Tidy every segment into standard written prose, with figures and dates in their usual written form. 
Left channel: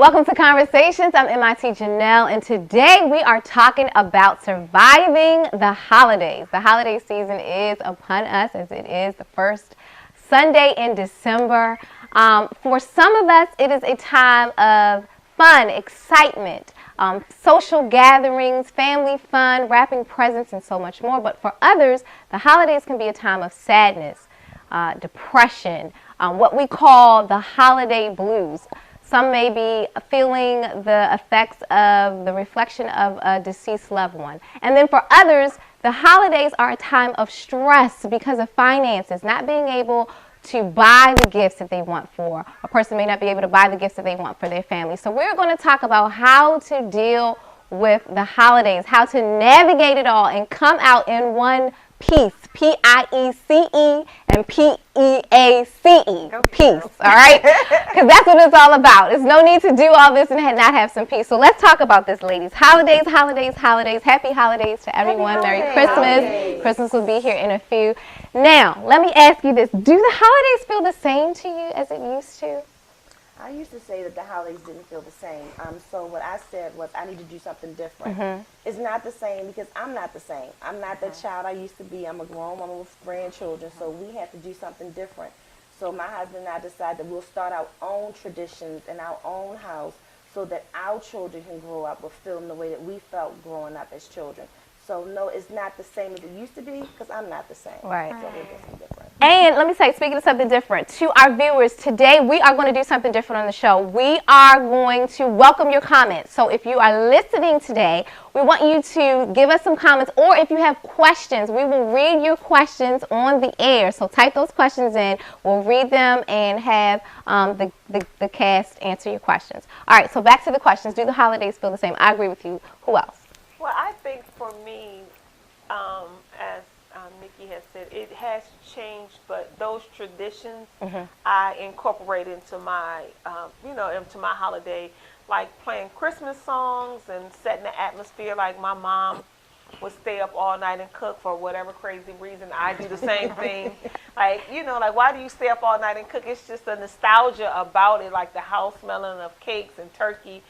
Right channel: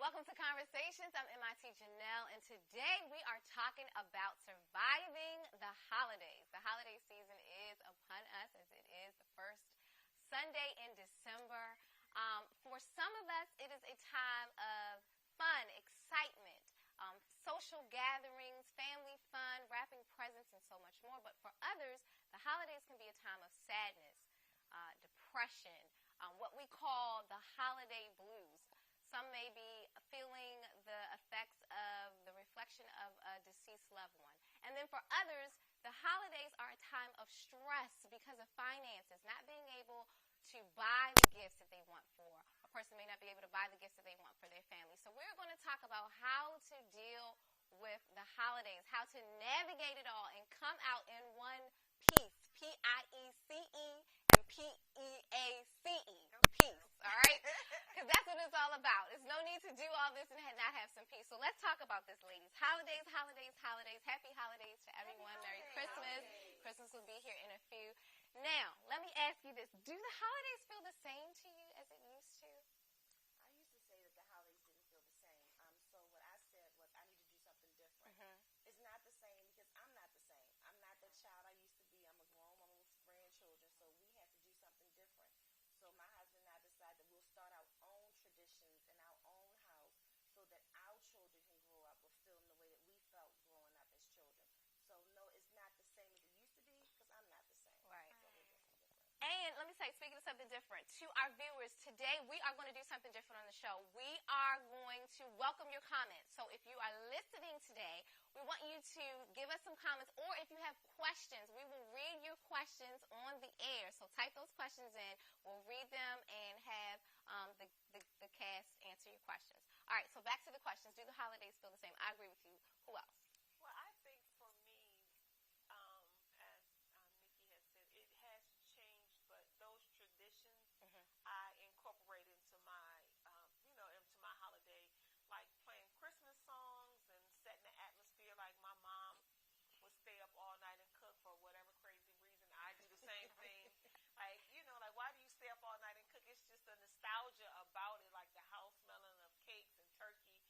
Welcome to Conversations. I'm MIT Janelle, and today we are talking about surviving the holidays. The holiday season is upon us, as it is the first Sunday in December. For some of us, it is a time of fun, excitement, social gatherings, family fun, wrapping presents, and so much more. But for others, the holidays can be a time of sadness, depression, what we call the holiday blues. Some may be feeling the effects of the reflection of a deceased loved one. And then for others, the holidays are a time of stress because of finances, not being able to buy the gifts that they want for. A person may not be able to buy the gifts that they want for their family. So we're going to talk about how to deal with the holidays, how to navigate it all and come out in one piece, P-I-E-C-E and P-E-A-C-E, peace, all right? Because that's what it's all about. There's no need to do all this and not have some peace. So let's talk about this, ladies. Holidays, holidays, holidays. Happy holidays to everyone. Merry Christmas. Holidays. Christmas will be here in a few. Now, let me ask you this. Do the holidays feel the same to you as it used to? I used to say that the holidays didn't feel the same. So what I said was I need to do something different. Mm-hmm. It's not the same because I'm not the same. I'm not the child I used to be. I'm a grown woman with grandchildren, so we have to do something different. So my husband and I decided that we'll start our own traditions in our own house so that our children can grow up with feeling the way that we felt growing up as children. So no, it's not the same as it used to be because I'm not the same. Right. So we'll do something different. And let me say, speaking of something different, to our viewers, today we are going to do something different on the show. We are going to welcome your comments. So if you are listening today, we want you to give us some comments, or if you have questions, we will read your questions on the air. So type those questions in. We'll read them and have the cast answer your questions. All right, so back to the questions. Do the holidays feel the same? I agree with you. Who else? Well, I think for me, as Nikki has said, it has changed, but those traditions I incorporate into my, into my holiday, like playing Christmas songs and setting the atmosphere. Like my mom would stay up all night and cook for whatever crazy reason. I do the same thing. Like why do you stay up all night and cook? It's just a nostalgia about it, like the house smelling of cakes and turkey.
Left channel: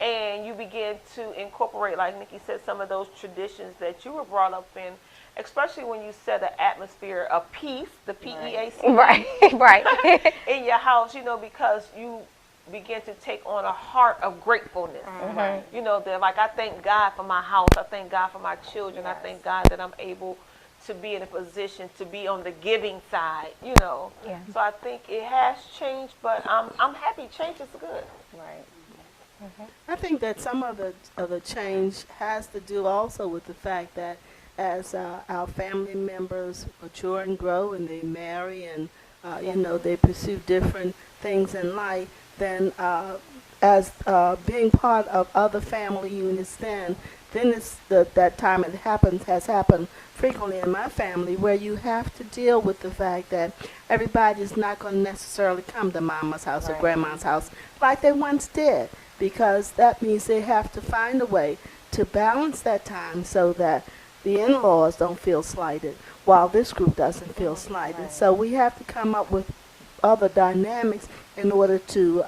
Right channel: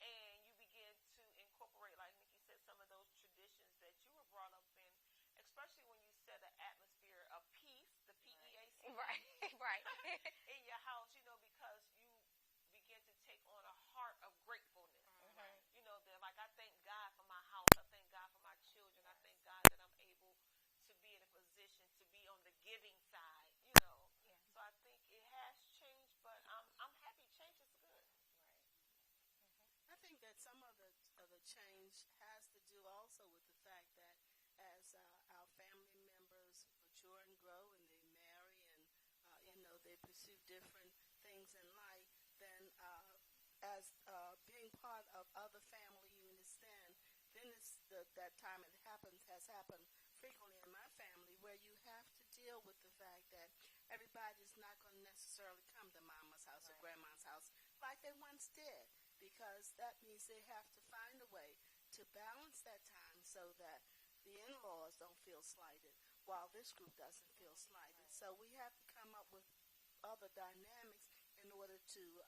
And you begin to incorporate, like Nikki said, some of those traditions that you were brought up in, especially when you set an atmosphere of peace, the P-E-A-C. Right, right. in your house, because you begin to take on a heart of gratefulness. Mm-hmm. That like I thank God for my house, I thank God for my children, I thank God that I'm able to be in a position to be on the giving side, Yeah. So I think it has changed, but I'm happy. Change is good. Right. I think that some of the change has to do also with the fact that as our family members mature and grow and they marry and they pursue different things in life, then as being part of other family units, then it's that time has happened frequently in my family where you have to deal with the fact that everybody is not going to necessarily come to mama's house or grandma's house like they once did. Because that means they have to find a way to balance that time so that the in-laws don't feel slighted while this group doesn't feel slighted. Right. So we have to come up with other dynamics in order to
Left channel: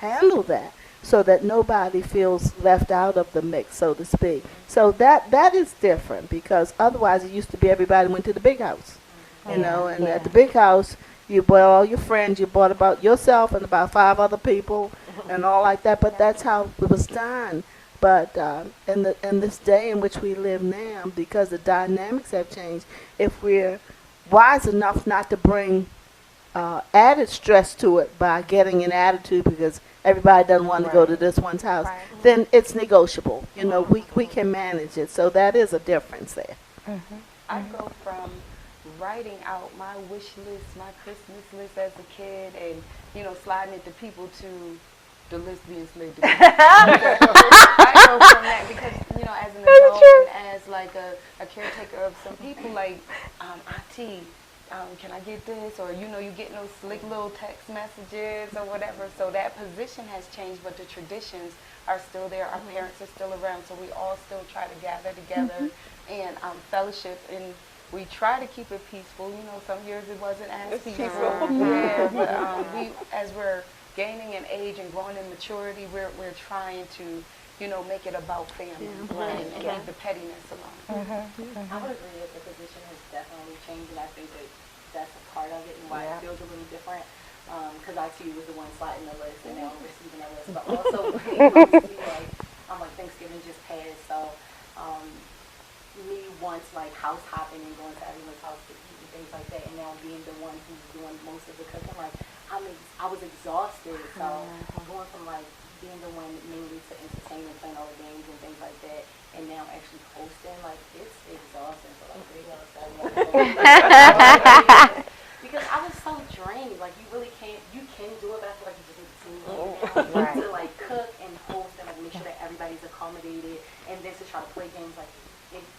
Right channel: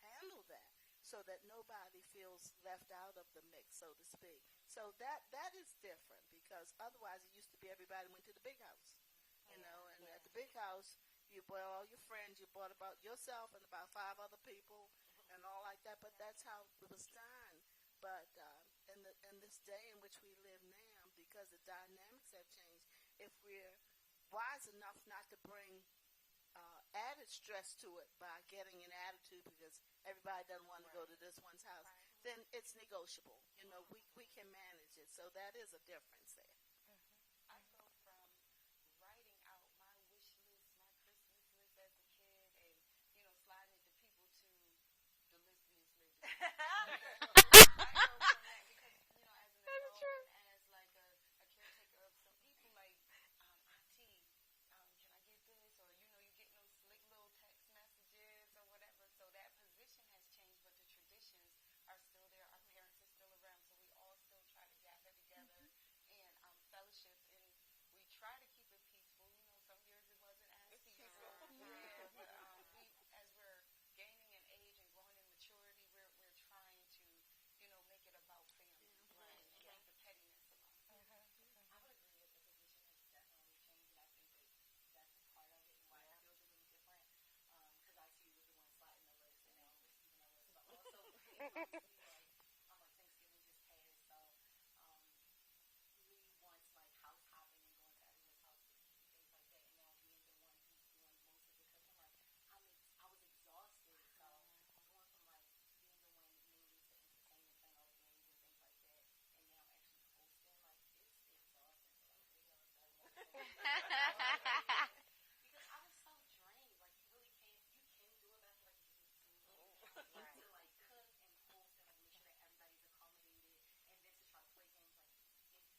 handle that so that nobody feels left out of the mix, so to speak. So that is different because otherwise it used to be everybody went to the big house, and at the big house you brought all your friends, you brought about yourself and about 5 other people and all like that, but that's how it was done. But in this day in which we live now, because the dynamics have changed, if we're wise enough not to bring added stress to it by getting an attitude because everybody doesn't want to go to this one's house, then it's negotiable. We can manage it. So that is a difference there. I go from writing out my wish list, my Christmas list as a kid, and sliding it to people to the list being slid to me. I go from that because as an adult and as like a caretaker of some people, like auntie, can I get this? Or you getting those slick little text messages or whatever. So that position has changed, but the traditions are still there. Our parents are still around, so we all still try to gather together and fellowship and we try to keep it peaceful. Some years it wasn't as peaceful. Yeah, but we, as we're gaining in age and growing in maturity, we're trying to, make it about family and leave the pettiness alone. I would agree that the position has definitely changed, and I think that that's a part of it and why it feels a little different. Because I too was the one sliding the list, and now I'm receiving a list. But also, when it comes to like Thanksgiving just passed, so me once like house hopping and going to everyone's house to eat and things like that, and now being the one who's doing most of the cooking, like I was exhausted. So going from like being the one mainly to entertain and playing all the games and things like that, and now actually hosting, like it's exhausting. So like 3 hours, 7 hours. Because I was so drained. Like you really can't. You can do it, but I feel like you just need to team to like cook and host and like make sure that everybody's accommodated, and then to try to play games like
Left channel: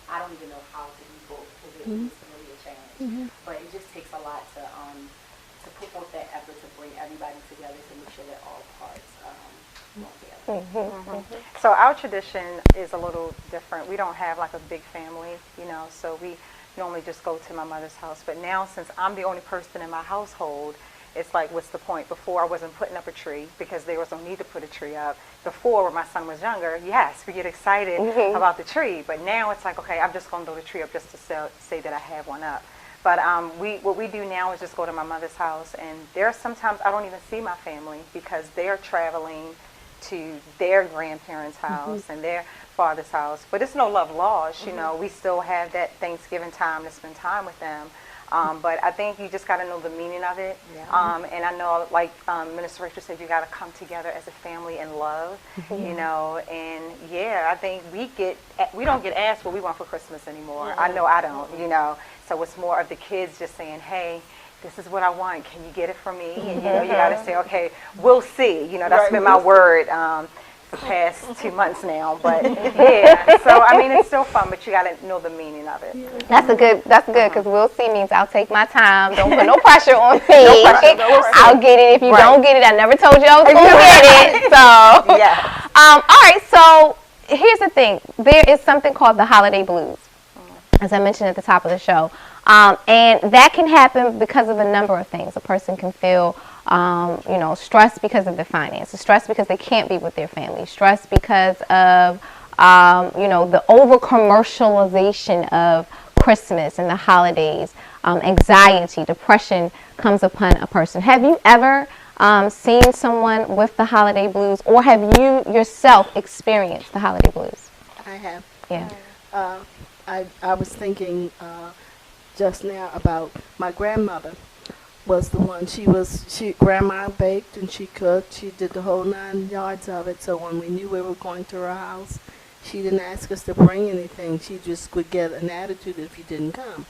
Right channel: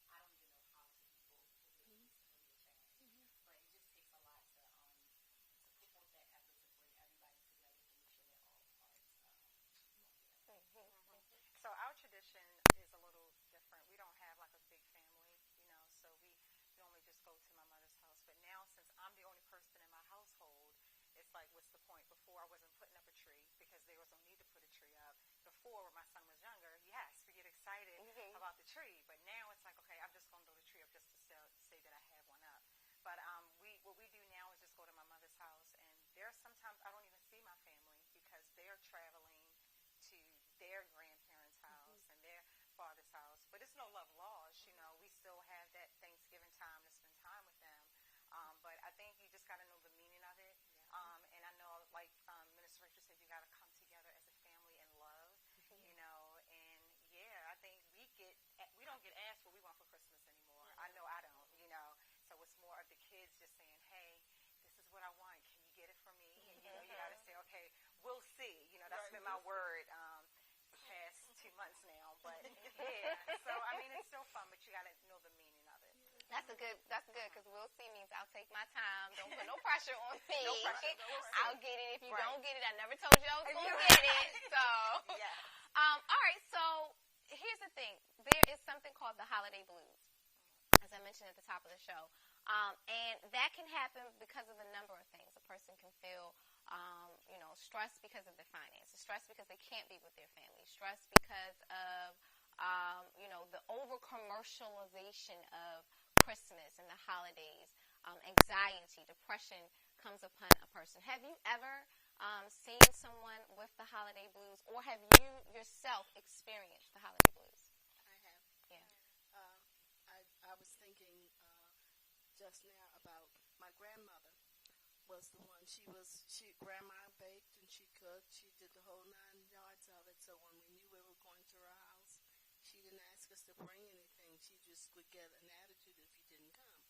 I don't even know how to do both because it's really a challenge. But it just takes a lot to put forth that effort to bring everybody together to make sure that all parts go together. So our tradition is a little different. We don't have like a big family, so we normally just go to my mother's house. But now, since I'm the only person in my household, it's like, what's the point? Before, I wasn't putting up a tree because there was no need to put a tree up. Before, when my son was younger, yes, we get excited about the tree. But now it's like, okay, I'm just going to throw the tree up just to say that I have one up. But what we do now is just go to my mother's house. And there are sometimes I don't even see my family because they're traveling to their grandparents' house and their father's house. But it's no love lost, we still have that Thanksgiving time to spend time with them. But I think you just got to know the meaning of it. And I know, like Minister Rachel said, you got to come together as a family in love, and I think we don't get asked what we want for Christmas anymore. I know I don't, so it's more of the kids just saying, hey, this is what I want. Can you get it for me? And, you got to say, okay, we'll see. That's been my word the past 2 months now. But, so, I mean, it's still fun, but you got to know the meaning of it. That's good, because we'll see means I'll take my time. Don't put no pressure on me. I'll get it. If you don't get it, I never told you I was going to get it. So, all right, so here's the thing. There is something called the holiday blues, as I mentioned at the top of the show. And that can happen because of a number of things. A person can feel, stressed because of their finances, stressed because they can't be with their family, stressed because of, the over-commercialization of Christmas and the holidays. Anxiety, depression comes upon a person. Have you ever seen someone with the holiday blues, or have you yourself experienced the holiday blues? I have. Yeah. I was thinking just now about my grandmother was the one. Grandma baked and she cooked. She did the whole 9 yards of it. So when we knew we were going to her house, she didn't ask us to bring anything. She just would get an attitude if you didn't come.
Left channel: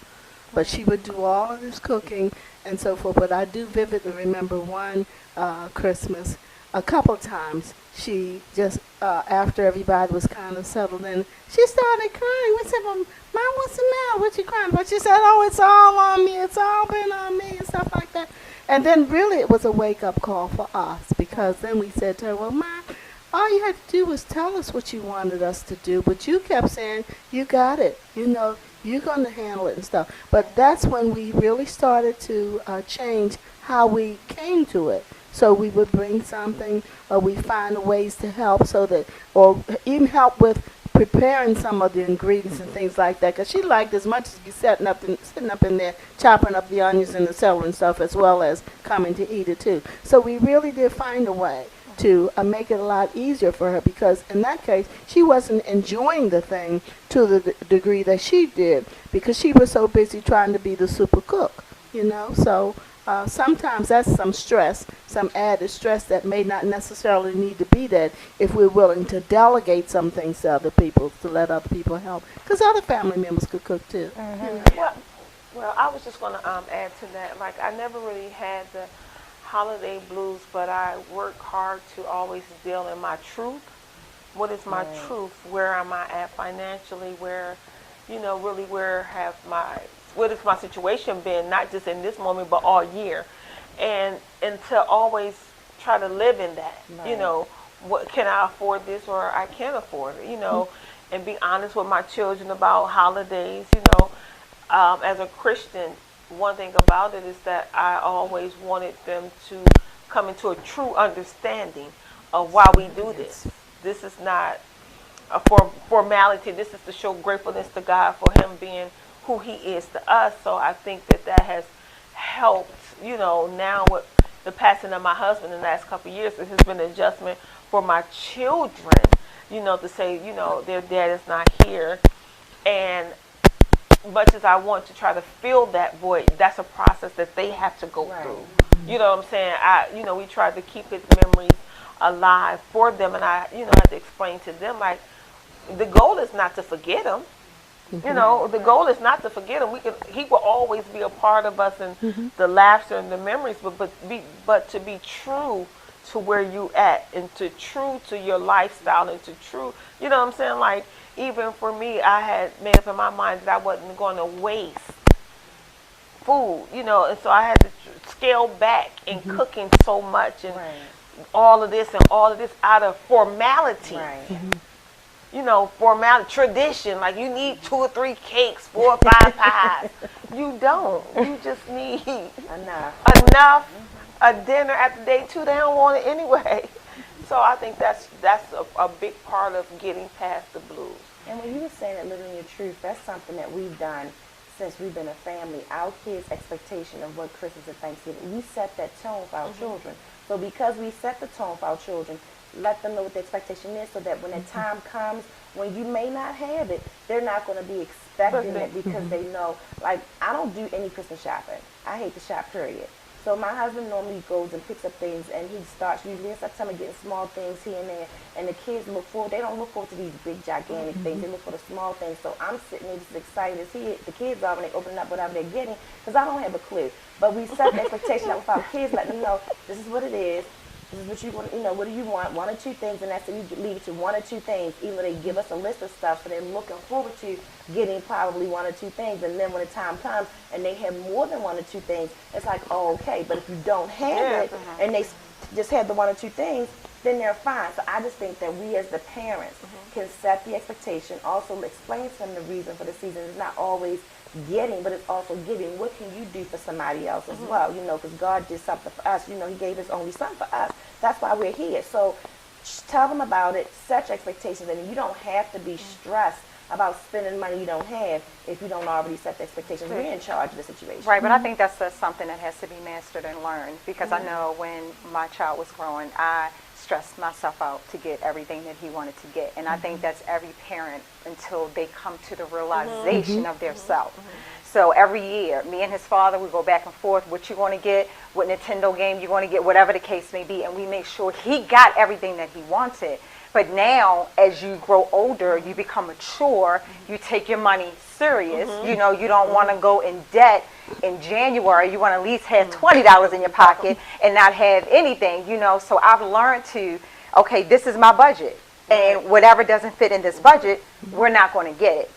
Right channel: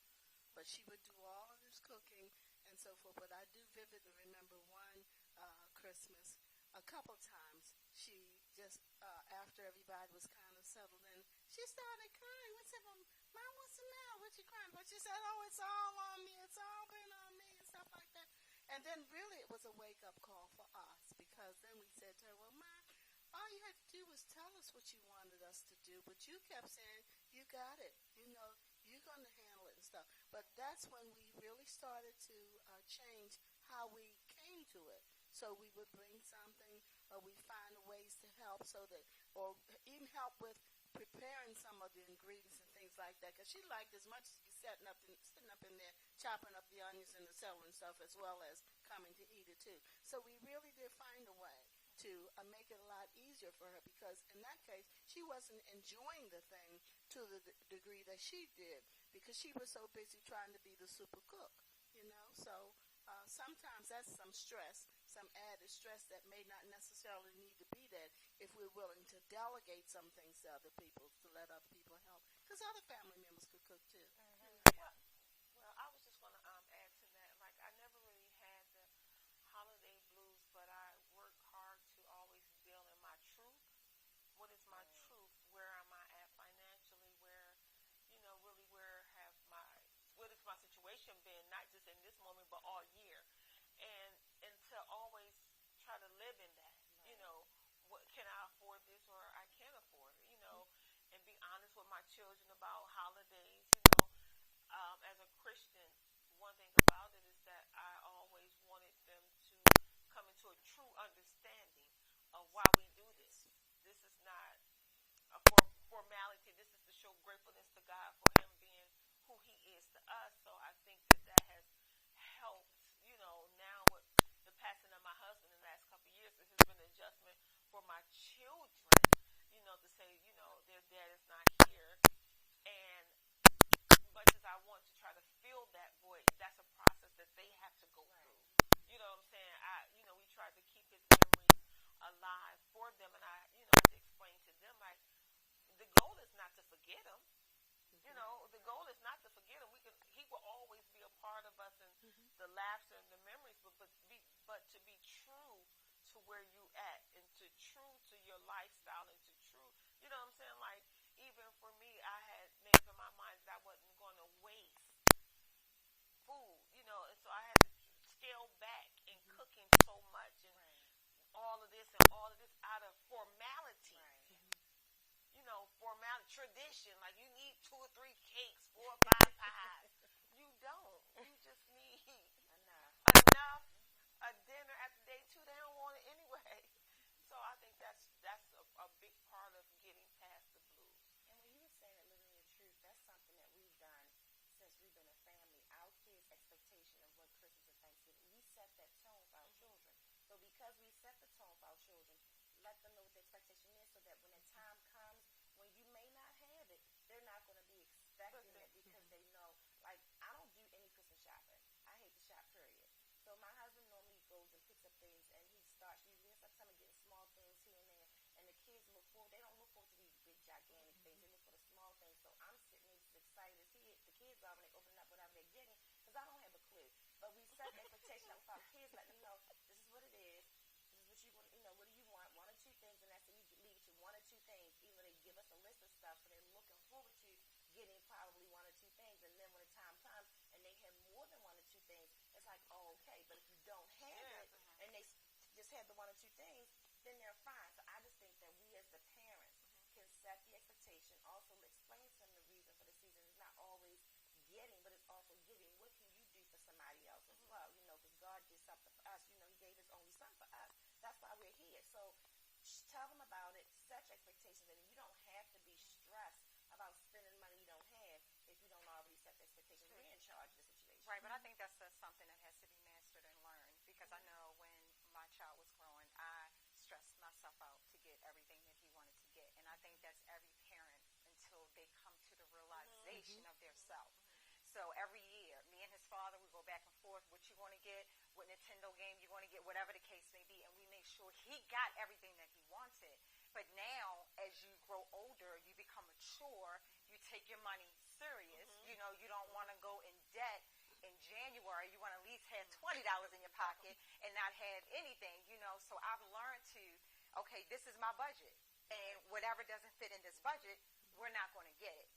But she would do all of this cooking and so forth. But I do vividly remember one Christmas, a couple times, she just, after everybody was kind of settled in, she started crying. We said, well, Mom, what's the matter? What you crying about? She said, oh, it's all on me. It's all been on me and stuff like that. And then really it was a wake-up call for us, because then we said to her, well, Mom, all you had to do was tell us what you wanted us to do. But you kept saying, you got it. You're going to handle it and stuff. But that's when we really started to change how we came to it. So we would bring something, or we find ways to help or even help with preparing some of the ingredients and things like that. Because she liked as much as be sitting up in there, chopping up the onions and the celery and stuff, as well as coming to eat it too. So we really did find a way to make it a lot easier for her, because in that case, she wasn't enjoying the thing to the degree that she did, because she was so busy trying to be the super cook, So sometimes that's some added stress that may not necessarily need to be that if we're willing to delegate some things to other people, to let other people help, because other family members could cook too. Well, I was just going to add to that. Like, I never really had the holiday blues, but I work hard to always deal in my truth. What is my truth? Where am I at financially? Where, really what has my situation been, not just in this moment, but all year? And to always try to live in that, what can I afford this, or I can't afford it, and be honest with my children about holidays, As a Christian, one thing about it is that I always wanted them to coming to a true understanding of why we do this. This is not a formality. This is to show gratefulness to God for him being who he is to us. So I think that has helped, now with the passing of my husband in the last couple of years, it has been an adjustment for my children, to say, their dad is not here. And much as I want to try to fill that void, that's a process that they have to go through. You know what I'm saying? We try to keep his memories alive for them, and I had to explain to them, like, the goal is not to forget him. The goal is not to forget him. He will always be a part of us and the laughter and the memories, but to be true to where you at, and to true to your lifestyle, and to true, you know what I'm saying? Like, even for me, I had made up in my mind that I wasn't going to waste food, and so I had to scale back in cooking so much, and all of this out of formality. Formality, tradition, like you need 2 or 3 cakes, 4 or 5 pies. You don't. You just need enough. A dinner after day 2, they don't want it anyway. So I think that's a big part of getting past the blues. And when you were saying that living your truth, that's something that we've done since we've been a family. Our kids' expectation of what Christmas and Thanksgiving, we set that tone for our children. So because we set the tone for our children, let them know what the expectation is, so that when the time comes, when you may not have it, they're not going to be expecting it, because they know, like, I don't do any Christmas shopping. I hate to shop, period. So my husband normally goes and picks up things, and he starts usually in September getting small things here and there, and the kids they don't look forward to these big, gigantic things. They look for the small things. So I'm sitting there just excited to see it. The kids are when they open up whatever they're getting, because I don't have a clue. But we set the expectation up with our kids, let them know this is what it is. This is what you want, what do you want? 1 or 2 things, and that's it. You leave it to 1 or 2 things. Even though they give us a list of stuff, so they're looking forward to getting probably 1 or 2 things. And then when the time comes and they have more than 1 or 2 things, it's like, oh, okay. But if you don't have it, and they just have the 1 or 2 things, then they're fine. So I just think that we as the parents can set the expectation, also explain to them the reason for the season. It's not always getting, but it's also giving. What can you do for somebody else as well? Because God did something for us. He gave his only son for us. That's why we're here. So tell them about it, set your expectations, and you don't have to be stressed about spending money you don't have if you don't already set the expectations. We're in charge of the situation. Right, but I think that's something that has to be mastered and learned, because I know when my child was growing, I stressed myself out to get everything that he wanted to get. And I think that's every parent until they come to the realization of their self. So every year, me and his father, we go back and forth, what you want to get, what Nintendo game you want to get, whatever the case may be, and we make sure he got everything that he wanted. But now, as you grow older, you become mature, you take your money serious. You don't want to go in debt in January. You want to at least have $20 in your pocket and not have anything, So I've learned to, okay, this is my budget. And whatever doesn't fit in this budget, we're not going to get it,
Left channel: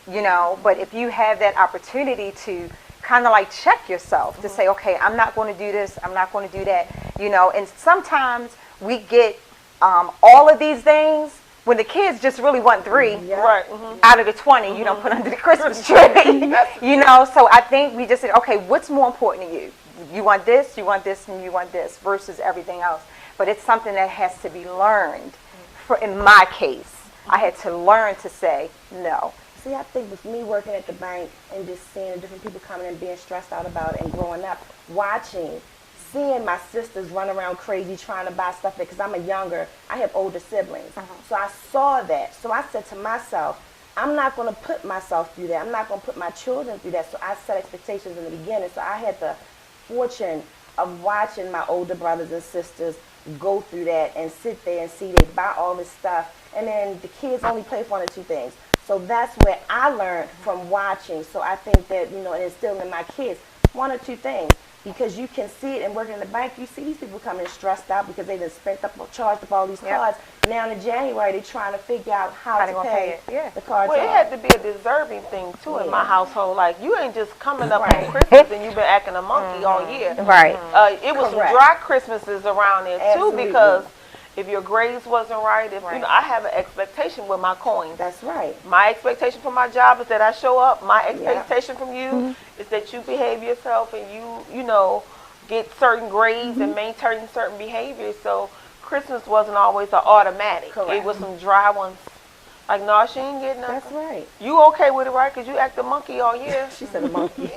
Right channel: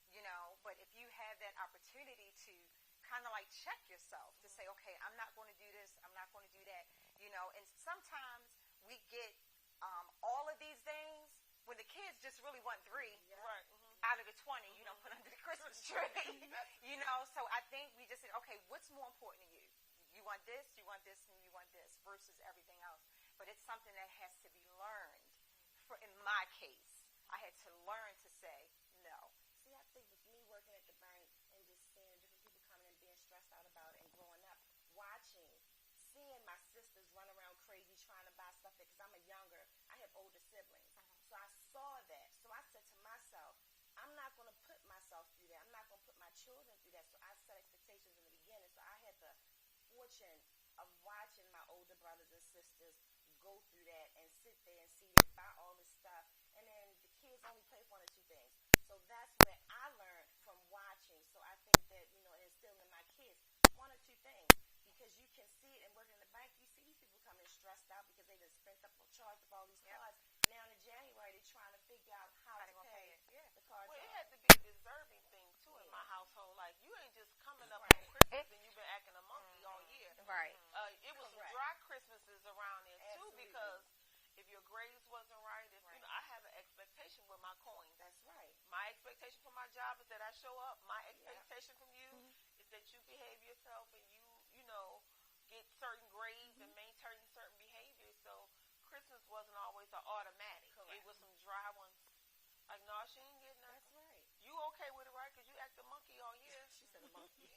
But if you have that opportunity to kind of like check yourself to say, okay, I'm not going to do this, I'm not going to do that, And sometimes we get all of these things when the kids just really want 3 out of the 20 you don't put under the Christmas tree, So I think we just said, okay, what's more important to you? You want this, and you want this versus everything else. But it's something that has to be learned. In my case, I had to learn to say no. See, I think with me working at the bank and just seeing the different people coming and being stressed out about it, and growing up, seeing my sisters run around crazy trying to buy stuff, because I have older siblings. So I saw that. So I said to myself, I'm not going to put myself through that. I'm not going to put my children through that. So I set expectations in the beginning. So I had the fortune of watching my older brothers and sisters go through that and sit there and see they buy all this stuff, and then the kids only play for 1 or 2 things. So that's where I learned from watching. So I think that, and instilling in my kids 1 or 2 things, because you can see it. And working in the bank, you see these people coming stressed out because they've charged up all these cards. Now in January, they're trying to figure out how to pay the cards. Well, it had to be a deserving thing too in my household. Like, you ain't just coming up on Christmas and you've been acting a monkey all year. Right. It was some dry Christmases around there too, because if your grades wasn't right, I have an expectation with my coins. That's right. My expectation from my job is that I show up. My expectation from you is that you behave yourself and you get certain grades and maintain certain behaviors. So Christmas wasn't always an automatic. Correct. It was some dry ones. Like, no, she ain't getting nothing. That's right. You okay with it, right? Because you act a monkey all year. She said a monkey.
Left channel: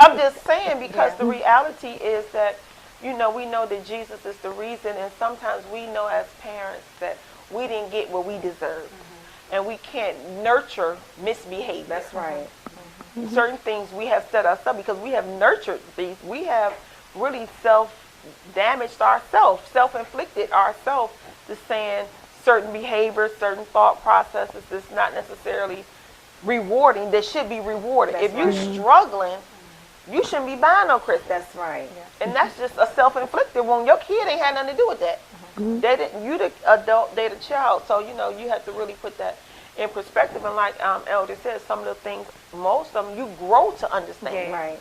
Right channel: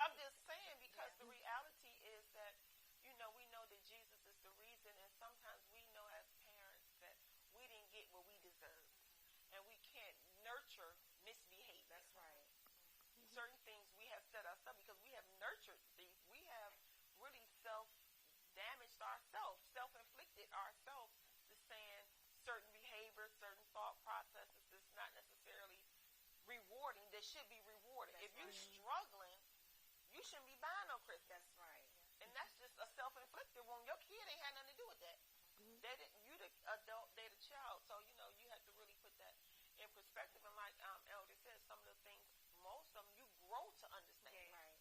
I'm just saying, because the reality is that, we know that Jesus is the reason, and sometimes we know as parents that we didn't get what we deserve. And we can't nurture misbehavior. That's right. Certain things we have set us up because we have nurtured these. We have really self-damaged ourselves, self-inflicted ourselves to saying certain behaviors, certain thought processes that's not necessarily rewarding, that should be rewarded. That's if you're right. struggling, you shouldn't be buying no Christmas. That's right. And that's just a self-inflicted one. Your kid ain't had nothing to do with that. They didn't. You the adult, they the child. So you have to really put that in perspective. And like Elder said, some of the things, most of them, you grow to understand. Right.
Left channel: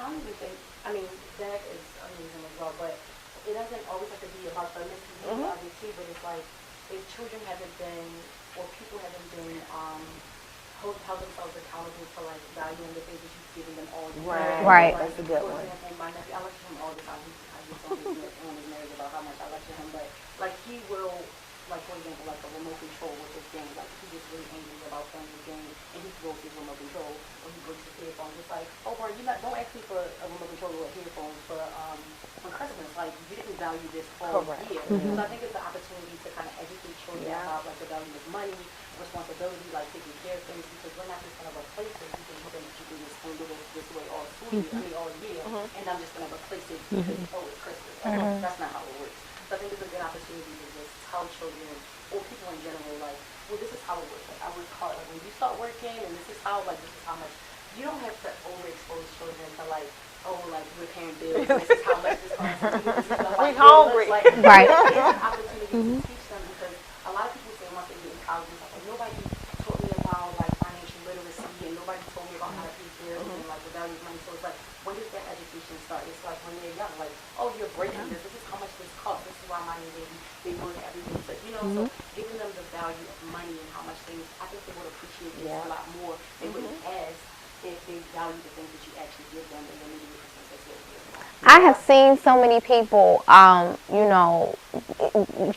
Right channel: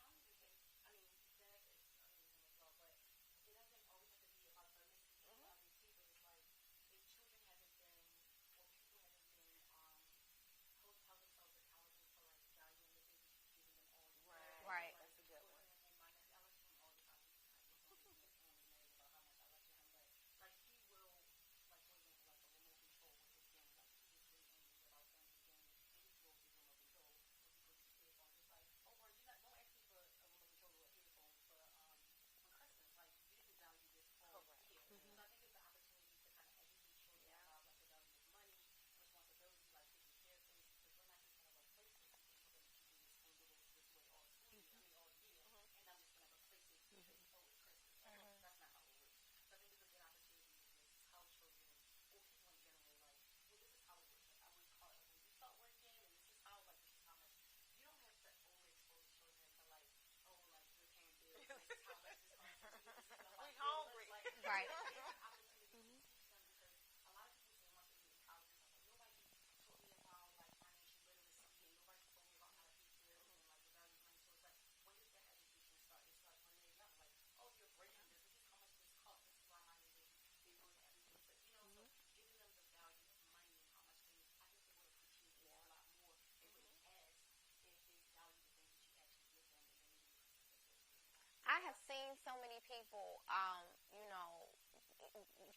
I don't even think, that is amazing as well, but it doesn't always have to be about the misbehavior, obviously, but it's like, if children haven't been, or people haven't been, held themselves accountable for, like, valuing the things that you've given them all year. Right. Right. Like, That's a good for one. example, my nephew, I lecture him all the time. I get on his nerves about how much I lecture him, but, like, he will, like, for example, like a remote control with his game, like, he gets really angry about playing the game, and he throws his remote control, or he breaks his headphones. It's like, oh, bro, don't ask me for a remote control or headphones for Christmas. Like, you didn't value this all Correct. year. So I think it's an opportunity to kind of educate children about, like, the value of money, responsibility, like taking care of things, because we're not just going to replace it. You think you're going to keep this thing this way all school year, all year, and I'm just going to replace it because, it's Christmas. That's not how it works. So I think it's a good opportunity to just tell children, or people in general, like, well, this is how it works. Like, I work hard. Like, when you start working, and this is how much. You don't have to overexpose children to, like, oh, like, we're paying bills, and this is how much this costs. We hungry. Like, Right. It's an opportunity to teach them, because a lot of people say once they get in college, it's like, nobody taught me about, like, financial literacy, and nobody told me about how to pay bills and, like, the value of money. So it's like, when does that education start? It's like when they're young, like, oh, you're breaking this. This is how much this costs. This is why my baby, they work everything. So, so giving them the value of money and how much things, I think they would appreciate this a lot more. They wouldn't ask if they value the things that you actually give them, and then maybe the Christmas that's what it is. I have seen so many people,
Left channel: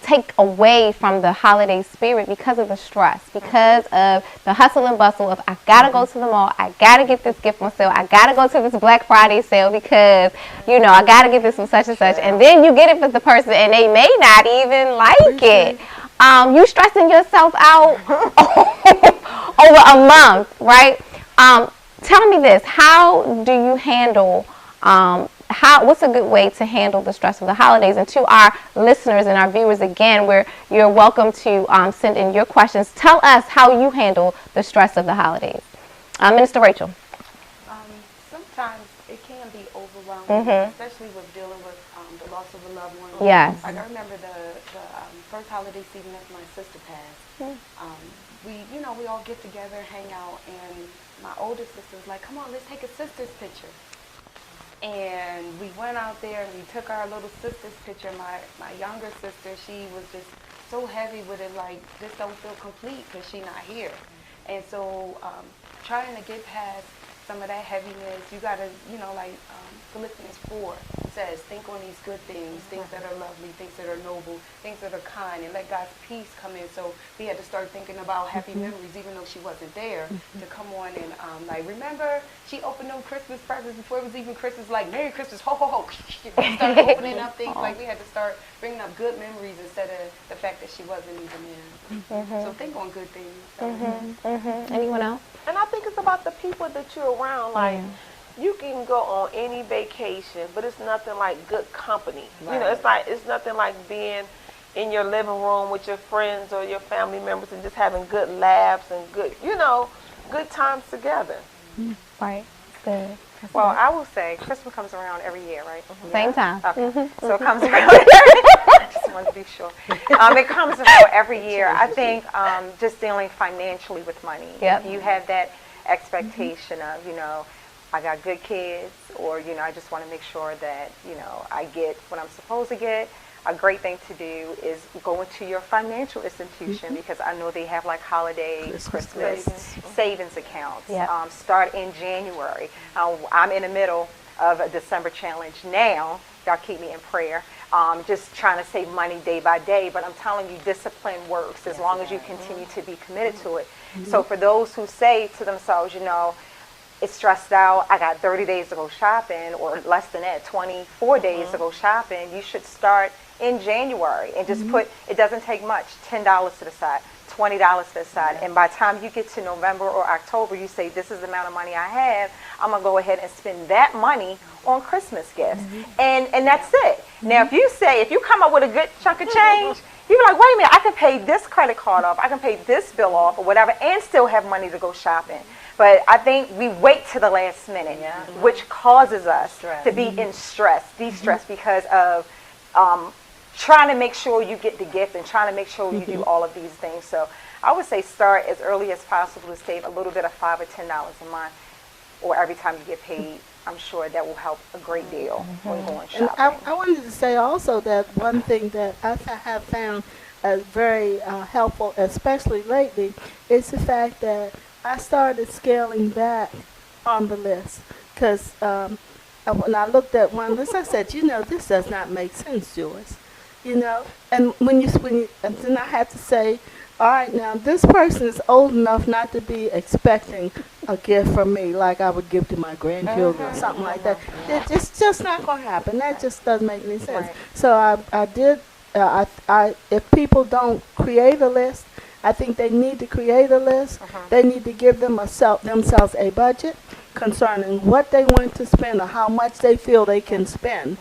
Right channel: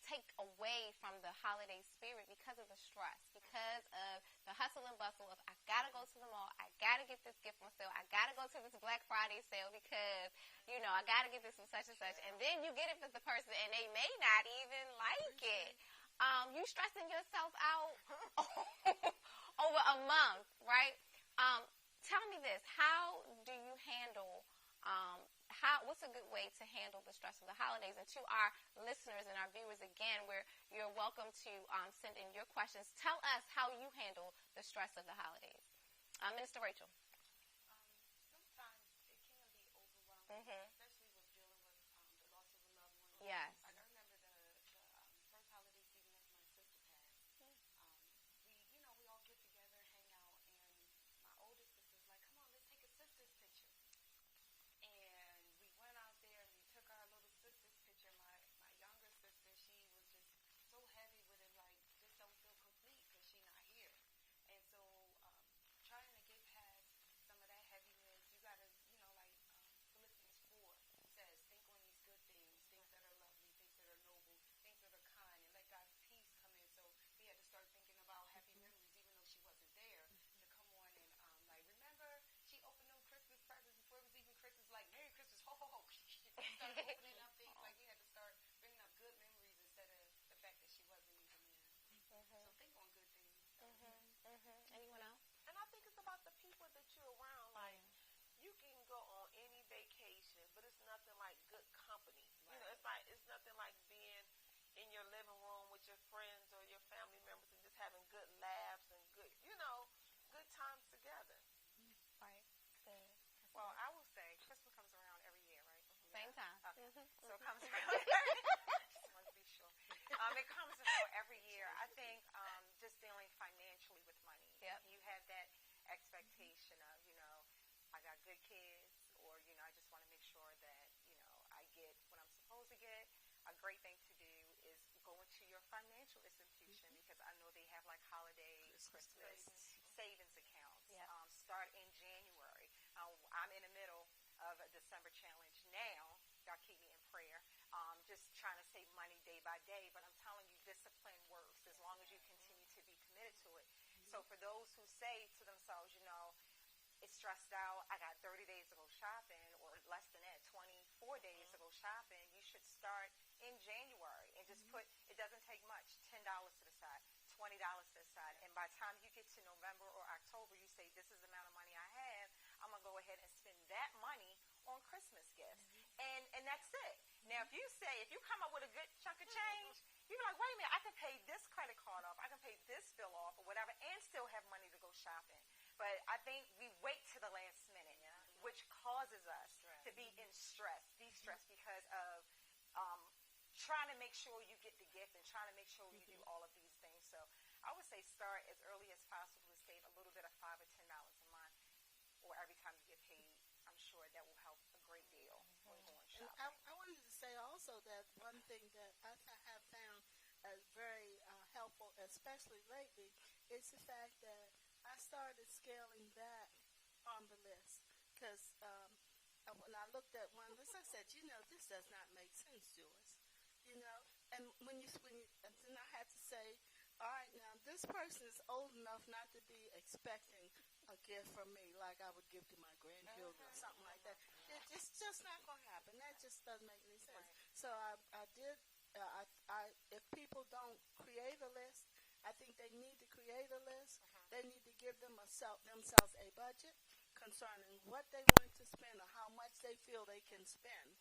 take away from the holiday spirit because of the stress, because of the hustle and bustle of, I gotta go to the mall, I gotta get this gift on sale, I gotta go to this Black Friday sale because, I gotta get this from such and such. And then you get it for the person and they may not even like it. You stressing yourself out over a month, right? Tell me this, how do you handle what's a good way to handle the stress of the holidays? And to our listeners and our viewers, again, where you're welcome to send in your questions. Tell us how you handle the stress of the holidays. Minister Rachel. Sometimes it can be overwhelming, especially with dealing with the loss of a loved one. Yes. Like, I remember the first holiday season after my sister passed. We all get together, hang out, and my older sister was like, come on, let's take a sister's picture. And we went out there and we took our little sister's picture. My younger sister, she was just so heavy with it, like, this don't feel complete because she's not here. And so trying to get past some of that heaviness, you got to, Philippians 4 says, think on these good things, things that are lovely, things that are noble, things that are kind, and let God's peace come in. So we had to start thinking about happy memories, even though she wasn't there, to come on and, remember, she opened them Christmas presents before it was even Christmas, like, Merry Christmas, ho, ho, ho. We started opening up things, like, we had to start bringing up good memories instead of the fact that she wasn't even in. So think on good things. Anyone else? And I think it's about the people that you're around. Like, you can go on any vacation, but it's nothing like good company. Right. It's nothing like being in your living room with your friends or your family members and just having good laughs and good times together. Right. Good. Well, I will say Christmas comes around every year, right? Same time. Okay. So it comes around I just wanted to be sure. It comes around every year. I think just dealing financially with money. Yep. If you have that expectation of, I got good kids, or, I just want to make sure that, I get what I'm supposed to get. A great thing to do is go into your financial institution, because I know they have like holiday, Christmas savings accounts. Yep. Start in January. I'm in the middle of a December challenge now. Y'all keep me in prayer. Just trying to save money day by day, but I'm telling you, discipline works as long as you continue to be committed to it. So for those who say to themselves, you know, it's stressed out, I got 30 days to go shopping, or less than that, 24 days to go shopping, you should start in January and just put, it doesn't take much, $10 to the side, $20 to the side. And by the time you get to November or October, you say, this is the amount of money I have, I'm going to go ahead and spend that money on Christmas gifts. And that's it. Now, if you come up with a good chunk of change, you're like, wait a minute, I can pay this credit card off, I can pay this bill off or whatever, and still have money to go shopping. But I think we wait to the last minute, which causes us to be in stress, de-stress, because of trying to make sure you get the gift and trying to make sure you do all of these things. So I would say start as early as possible to save a little bit of $5 or $10 a month, or every time you get paid. I'm sure that will help a great deal when going shopping. And I wanted to say also that one thing that I have found very helpful, especially lately, is the fact that I started scaling back on the list. Because when I looked at one list, I said, you know, this does not make sense, Joyce. You know, and and then I had to say, all right, now this person is old enough not to be expecting a gift from me like I would give to my grandchildren or something like that. It's just not going to happen. That just doesn't make any sense. Right. So if people don't create a list, I think they need to create a list. They need to give themselves a budget concerning what they want to spend or how much they feel they can spend.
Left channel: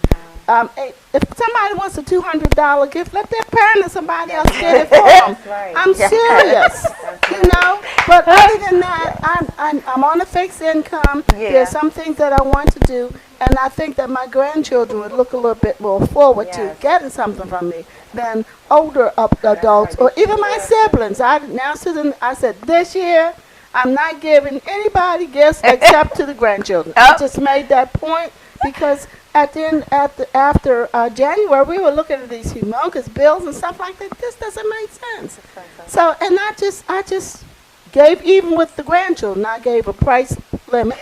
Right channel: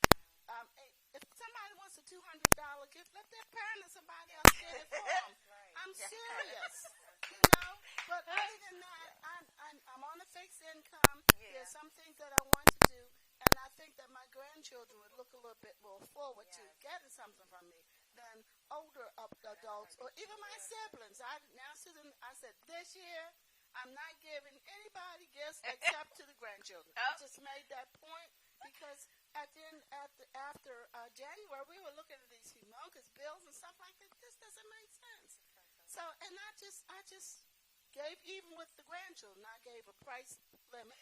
If somebody wants a $200 gift, let their parent or somebody else get it for them. I'm serious, you know. But other than that, I'm on a fixed income. There's some things that I want to do, and I think that my grandchildren would look a little bit more forward to getting something from me than older adults or even my siblings. I announced to them, I said, this year, I'm not giving anybody gifts except to the grandchildren. I just made that point because after January, we were looking at these humongous bills and stuff like that. This doesn't make sense. So, and I just gave, even with the grandchildren, I gave a price limit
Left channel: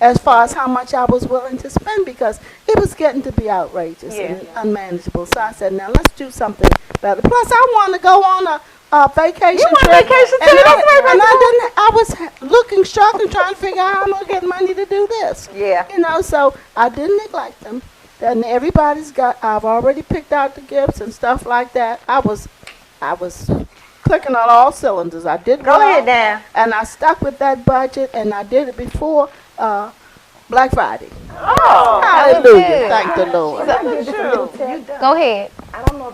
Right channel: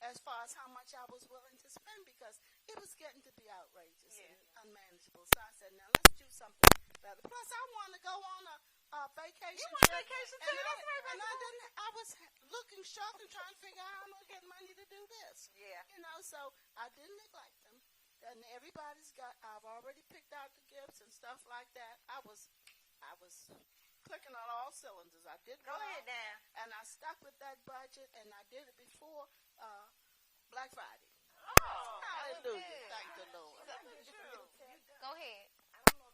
as far as how much I was willing to spend because it was getting to be outrageous and unmanageable. So I said, now let's do something better. Plus, I want to go on a vacation You want trip. vacation too? And I was looking, struggling, trying to figure out how I'm going to get money to do this. Yeah. You know, so I didn't neglect them. And I've already picked out the gifts and stuff like that. I was clicking on all cylinders. I did Go ahead now. And I stuck with that budget, and I did it before Black Friday. Oh, Hallelujah. Thank the Lord. Go ahead. I don't know.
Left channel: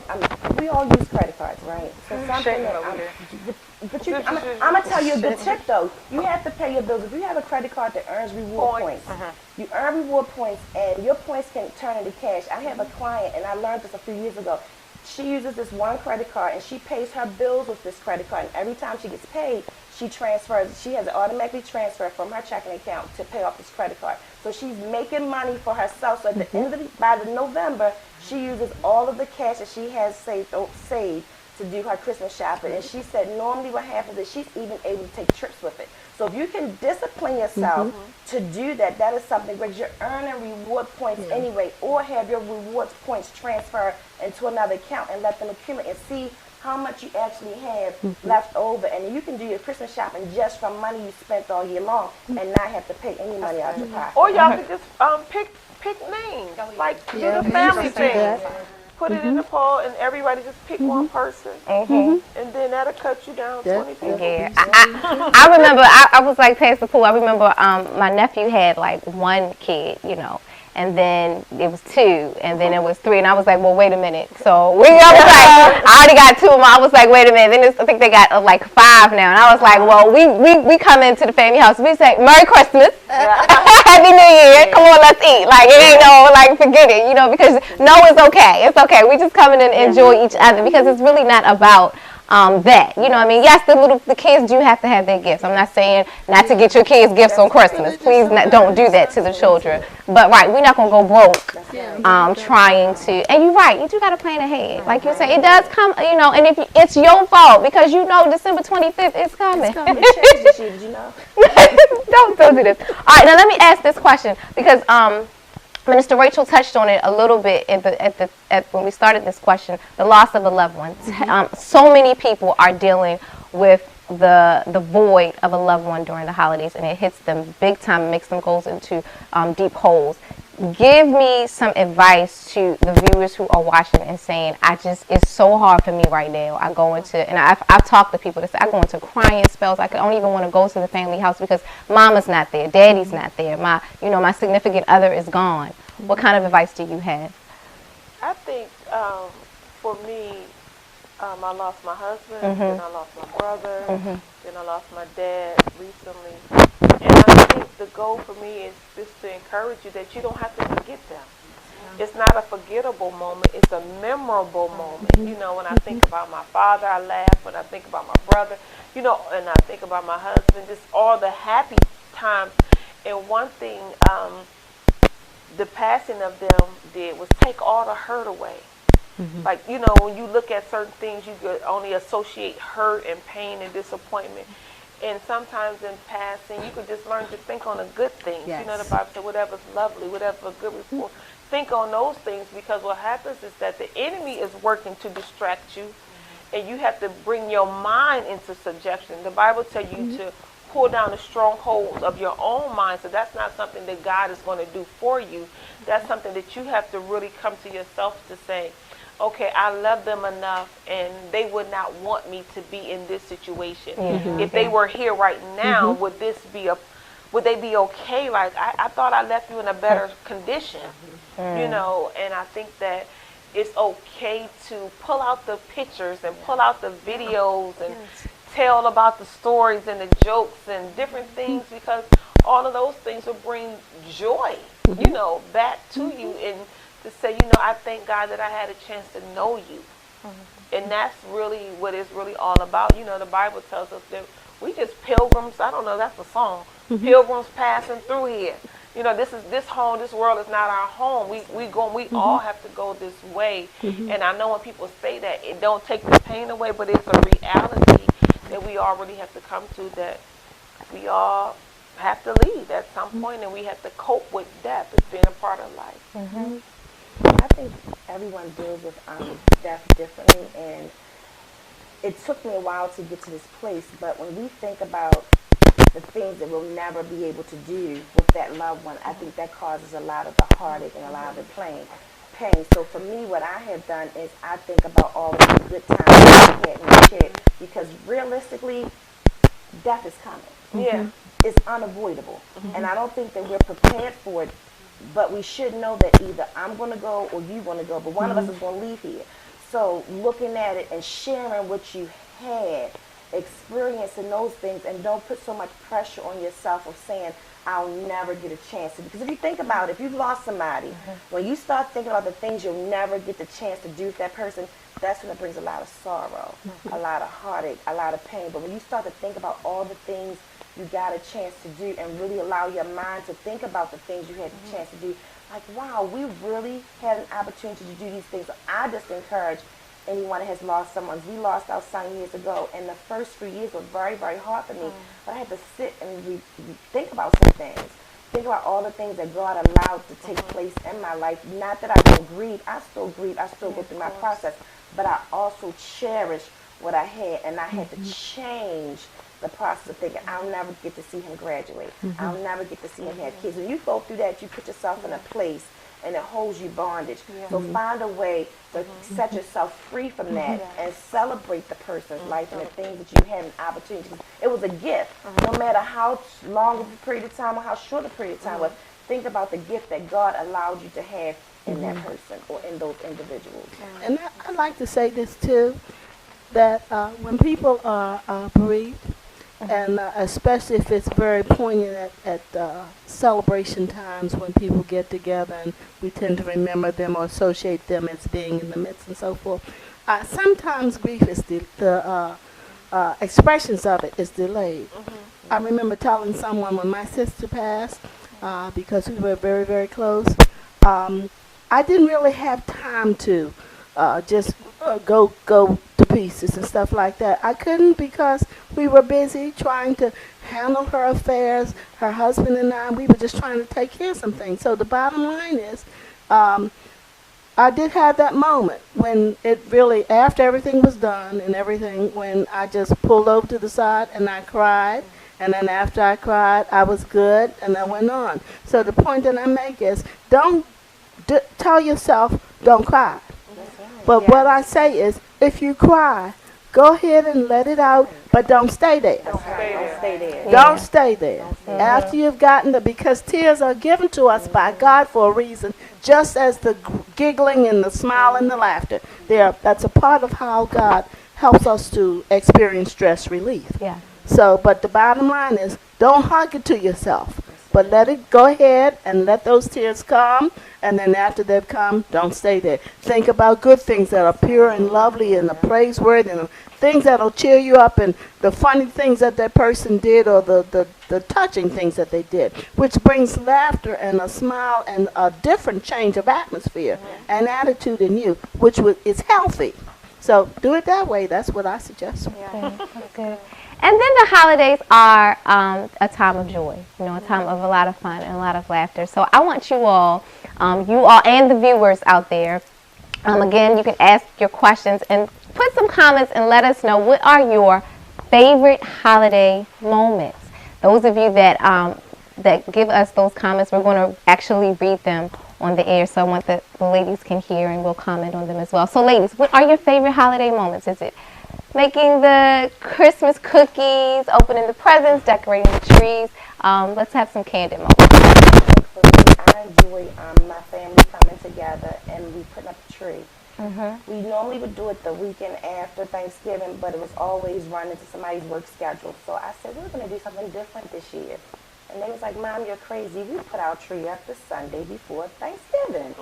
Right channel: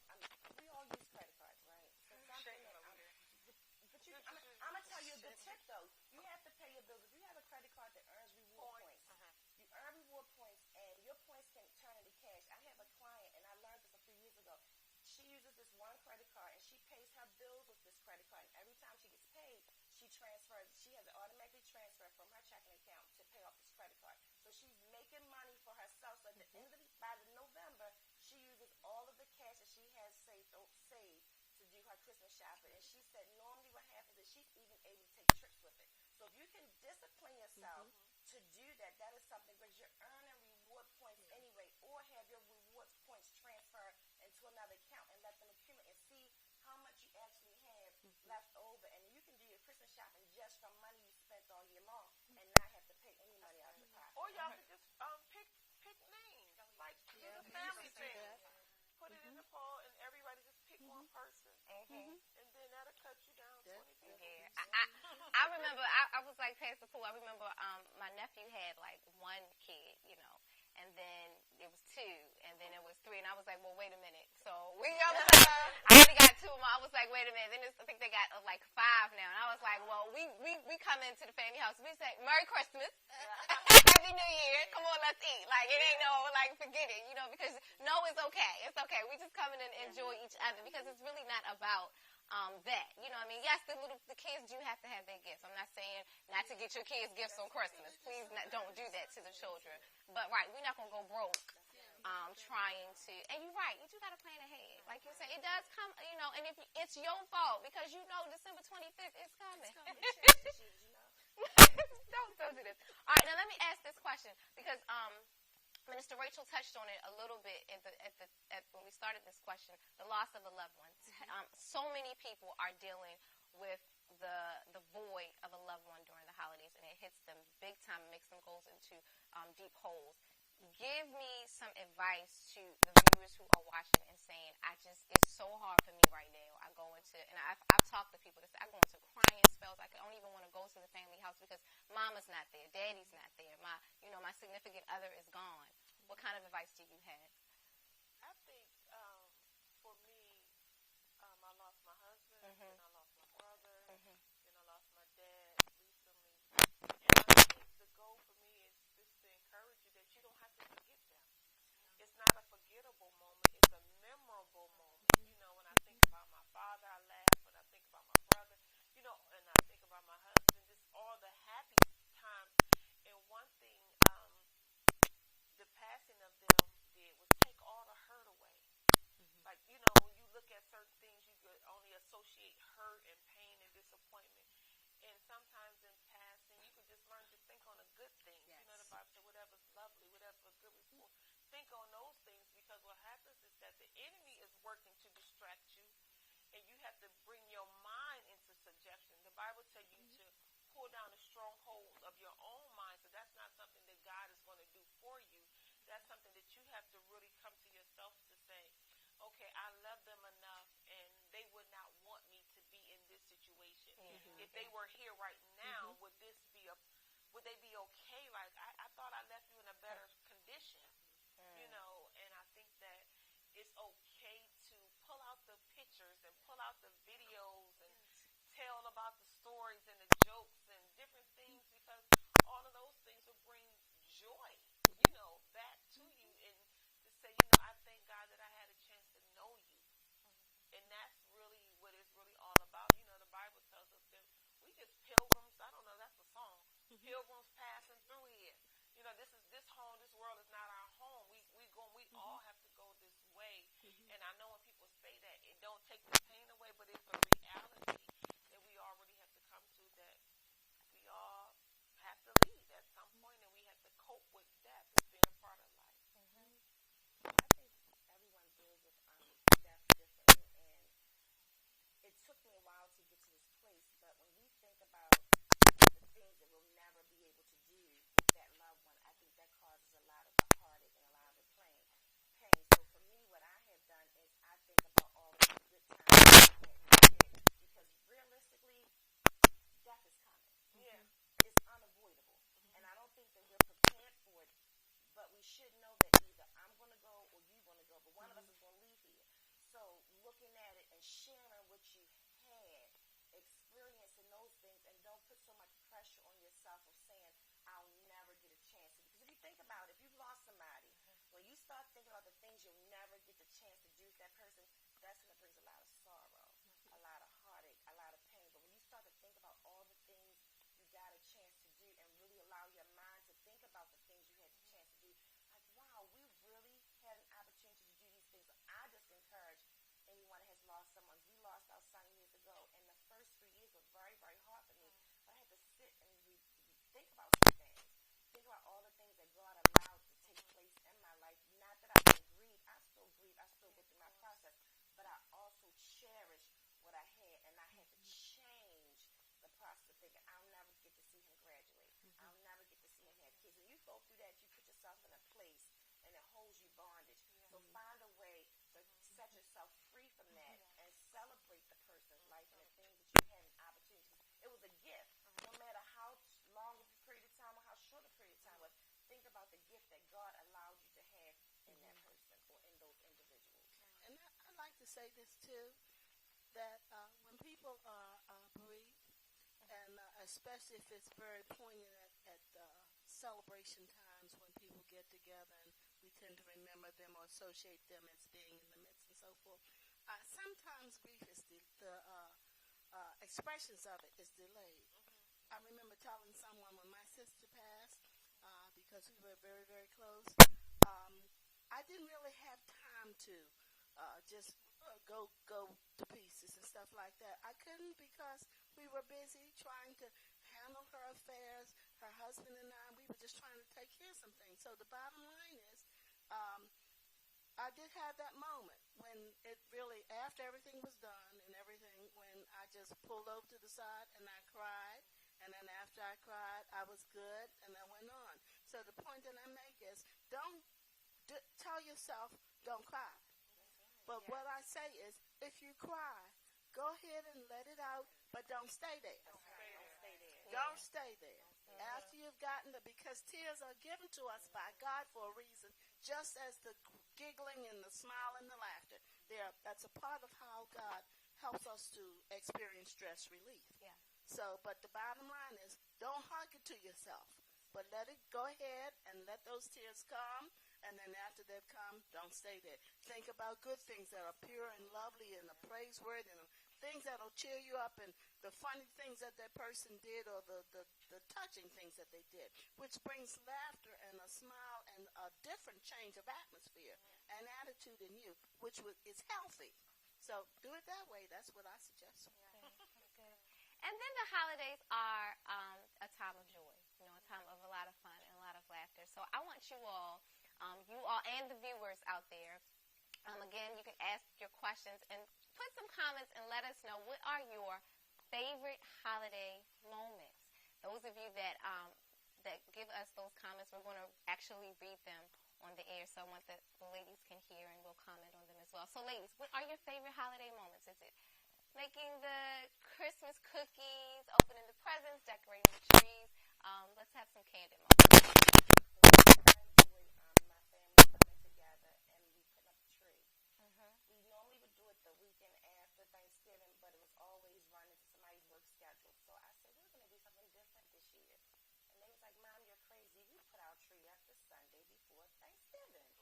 We all use credit cards, right? So something that I'm gonna tell you a good tip though. You have to pay your bills. If you have a credit card that earns reward points, you earn reward points, and your points can turn into cash. I have a client, and I learned this a few years ago. She uses this one credit card, and she pays her bills with this credit card. And every time she gets paid, she transfers. She has it automatically transferred from her checking account to pay off this credit card. So she's making money for herself. So at the end of by the November, she uses all of the cash that she has saved to do her Christmas shopping. And she said normally what happens is she's even able to take trips with it. So if you can discipline yourself to do that, that is something great. You're earning reward points anyway, or have your rewards points transfer into another account and let them accumulate and see how much you actually have left over. And you can do your Christmas shopping just from money you spent all year long and not have to pay any money out of your pocket. Or y'all could just pick names, like do the family thing. Put it in the poll, and everybody just pick one person, and then that'll cut you down 20 people. Yeah, I remember. I was like Pastor Poole. I remember my nephew had like one kid, you know, and then it was 2, and then it was 3, and I was like, well, wait a minute. So I was like, I already got 2 of them. I was like, wait a minute. Then I think they got like 5 now, and I was like, well, we come into the family house. We say Merry Christmas, Happy New Year. Come on, let's eat. Like it ain't no like forget it, you know, because no, it's okay. It's okay. We just come in and enjoy each other because it's really not about that. You know what I mean? Yes, the kids do have to have their gifts. I'm not saying not to get your kids gifts on Christmas. Please don't do that to the children. But right, we're not going to go broke trying to. And you're right, you do got to plan ahead. Like you say, it does come, you know, and if it's your fault because you know December 25th is coming. It changes you, did you know? Don't do this. All right, now let me ask this question because Minister Rachel touched on it a little bit when we started this question, the loss of a loved one. So many people are dealing with the void of a loved one during the holidays, and it hits them big time, makes them go into deep holes. Give me some advice to the viewers who are watching and saying, it's so hard for me right now. I go into, and I've talked to people that say, I go into crying spells. I don't even want to go to the family house because mama's not there, daddy's not there, my significant other is gone. What kind of advice do you have? I think for me, I lost my husband, then I lost my brother, then I lost my dad recently. And I think the goal for me is just to encourage you that you don't have to forget them. It's not a forgettable moment. It's a memorable moment. You know, when I think about my father, I laugh. When I think about my brother, and I think about my husband, just all the happy times. And one thing the passing of them did was take all the hurt away. Like, when you look at certain things, you could only associate hurt and pain and disappointment. And sometimes in passing, you could just learn to think on the good things. Yes. The Bible says, whatever's lovely, whatever's good report, think on those things, because what happens is that the enemy is working to distract you, and you have to bring your mind into subjection. The Bible tells you to pull down the strongholds of your own mind, so that's not something that God is going to do for you. That's something that you have to really come to yourself to say, okay, I love them enough, and they would not want me to be in this situation. If they were here right now, would they be okay? Like, I thought I left you in a better condition, and I think that it's okay to pull out the pictures and pull out the videos and tell about the stories and the jokes and different things, because all of those things will bring joy, back to you, and to say, I thank God that I had a chance to know you. And that's really what it's really all about. The Bible tells us that we just pilgrims. I don't know, that's a song. Pilgrims passing through here. This home, this world is not our home. We all have to go this way. And I know when people say that, it don't take the pain away, but it's a reality that we all really have to come to, that we all have to leave at some point, and we have to cope with death as being a part of life. I think everyone deals with death differently, and it took me a while to get to this place, but when we think about the things that we'll never be able to do with that loved one, I think that causes a lot of the heartache and a lot of the pain. So for me, what I have done is I think about all of the good times that we had in the shit, because realistically, death is coming. Yeah. It's unavoidable, and I don't think that we're prepared for it. But we should know that either I'm going to go or you're going to go, but one of us is going to leave here. So looking at it and sharing what you had, experiencing those things, and don't put so much pressure on yourself of saying, I'll never get a chance to. Because if you think about it, if you've lost somebody, when you start thinking about the things you'll never get the chance to do with that person, that's when it brings a lot of sorrow, a lot of heartache, a lot of pain. But when you start to think about all the things you got a chance to do, and really allow your mind to think about the things you had the chance to do, like, wow, we really had an opportunity to do these things. So I just encourage anyone that has lost someone. We lost our son years ago, and the first 3 years were very, very hard for me. But I had to sit and think about some things. Think about all the things that God allowed to take place in my life. Not that I don't grieve. I still grieve. I still go through my process. But I also cherish what I had, and I had to change the process of thinking, I'll never get to see him graduate. I'll never get to see him have kids. When you go through that, you put yourself in a place, and it holds you bondage. So find a way to set yourself free from that and celebrate the person's life and the things that you had an opportunity. It was a gift. No matter how long of a period of time or how short a period of time was, think about the gift that God allowed you to have in that person or in those individuals. And I'd like to say this too, that when people are bereaved, and especially if it's very poignant at celebration times when people get together and we tend to remember them or associate them as being in the midst and so forth. Sometimes grief is the expressions of it is delayed. I remember telling someone when my sister passed, because we were very, very close, I didn't really have time to just go to pieces and stuff like that. I couldn't because we were busy trying to handle her affairs. Her husband and I, we were just trying to take care of some things. So the bottom line is, I did have that moment when it really, after everything was done and everything, when I just pulled over to the side and I cried. And then after I cried, I was good and I went on. So the point that I make is, don't tell yourself, don't cry. But what I say is, if you cry, go ahead and let it out, but don't stay there. Don't stay there. Don't stay there. After you've gotten because tears are given to us by God for a reason, just as the giggling and the smile and the laughter. That's a part of how God helps us to experience stress relief. Yeah. So, but the bottom line is, don't hug it to yourself, but let it go ahead and let those tears come. And then after they've come, don't stay there. Think about good things that are pure and lovely and praiseworthy and things that will cheer you up and the funny things that person did or the touching things that they did, which brings laughter and a smile and a different change of atmosphere and attitude in you, which is healthy. So do it that way. That's what I suggest. That's good. And then the holidays are a time of joy, a time of a lot of fun and a lot of laughter. So I want you all and the viewers out there, again, you can ask your questions and put some comments and let us know what are your favorite holiday moments. Those of you that give us those comments, we're going to actually read them on the air. So I want the ladies can hear and we'll comment on them as well. So ladies, what are your favorite holiday moments? Is it making the Christmas cookies, opening the presents, decorating the trees? Let's have some candid moments. For me, I enjoy my family coming together and we putting up a tree. We normally would do it the weekend after Thanksgiving, but it was always running into somebody's work schedule. So I said, we're going to do something different this year. And they was like, Mom, you're crazy. We put our tree up the Sunday before Thanksgiving.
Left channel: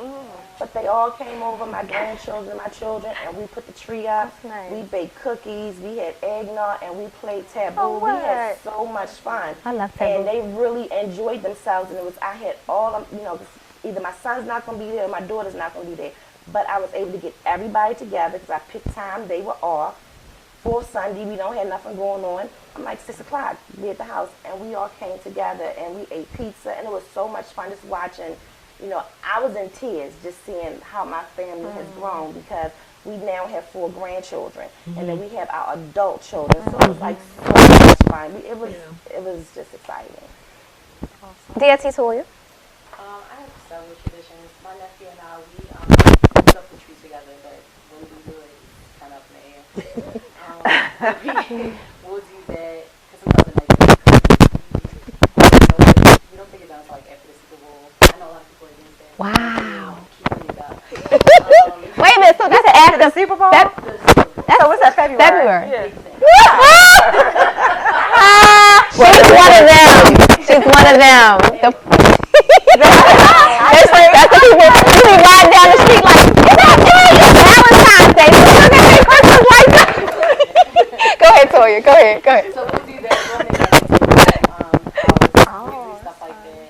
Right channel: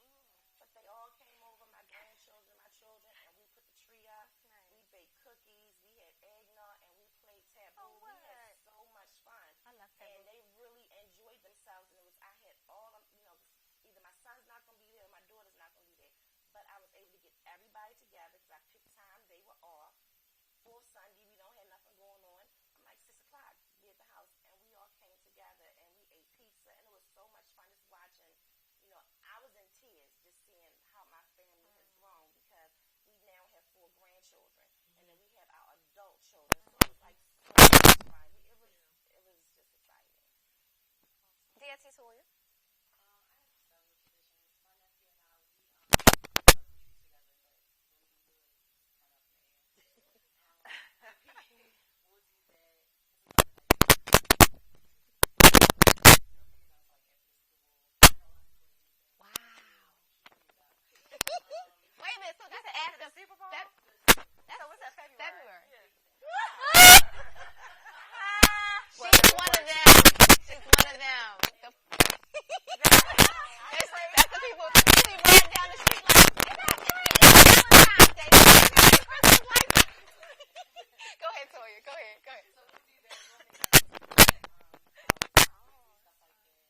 But they all came over, my grandchildren, my children, and we put the tree up. Nice. We baked cookies. We had eggnog, and we played taboo. We had so much fun. I love taboo. And they really enjoyed themselves. And I had all of, either my son's not going to be there or my daughter's not going to be there. But I was able to get everybody together because I picked time. They were off. For Sunday, we don't have nothing going on. I'm like 6 o'clock, we at the house, and we all came together and we ate pizza, and it was so much fun just watching. I was in tears just seeing how my family has grown because we now have 4 grandchildren, and then we have our adult children. So it was like so much fun. It was just exciting. D.S.T. Toya? I have several traditions. My nephew and I, we put up the tree together, but when we do it, it's kind of up in the air. We'll do that, because sometimes the night we don't take it down until like after the Super Bowl. I know a lot of people are against that. Wow. Keeping it up. Wait a minute, so that's after The Super Bowl? so what's that, February? February. Yeah. She's one of them. She's one of them. That's the people who be riding down the street like, it's Valentine's Day. So look at that Christmas lights up. Go ahead, Toya. Go ahead. So we'll do that. We'll make stuff like that.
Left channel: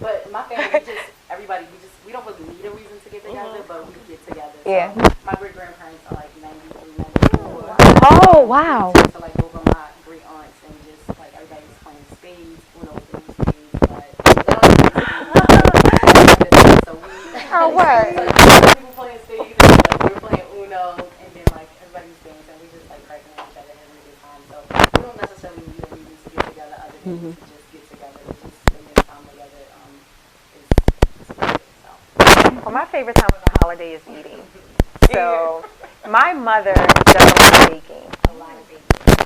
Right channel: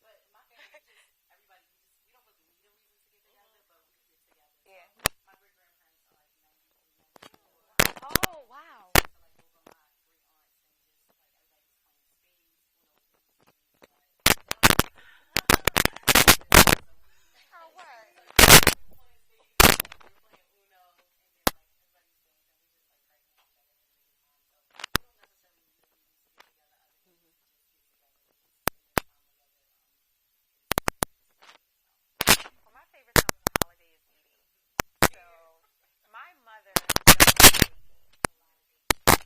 But my family, everybody, we don't really need a reason to get together, but we get together. Yeah. So my great-grandparents are like 93, 94. Oh, wow. To like over my great aunts and just like everybody was playing spades, Uno with the spades, but they don't play spades. So we Oh, what? people playing spades and like, we were playing Uno and then like everybody was dancing. We just like cracking at each other having a good time. So we don't necessarily need a reason to get together other than to just get together. Just spending time together is good. So. Well, my favorite time of the holiday is eating. So my mother does a lot of baking,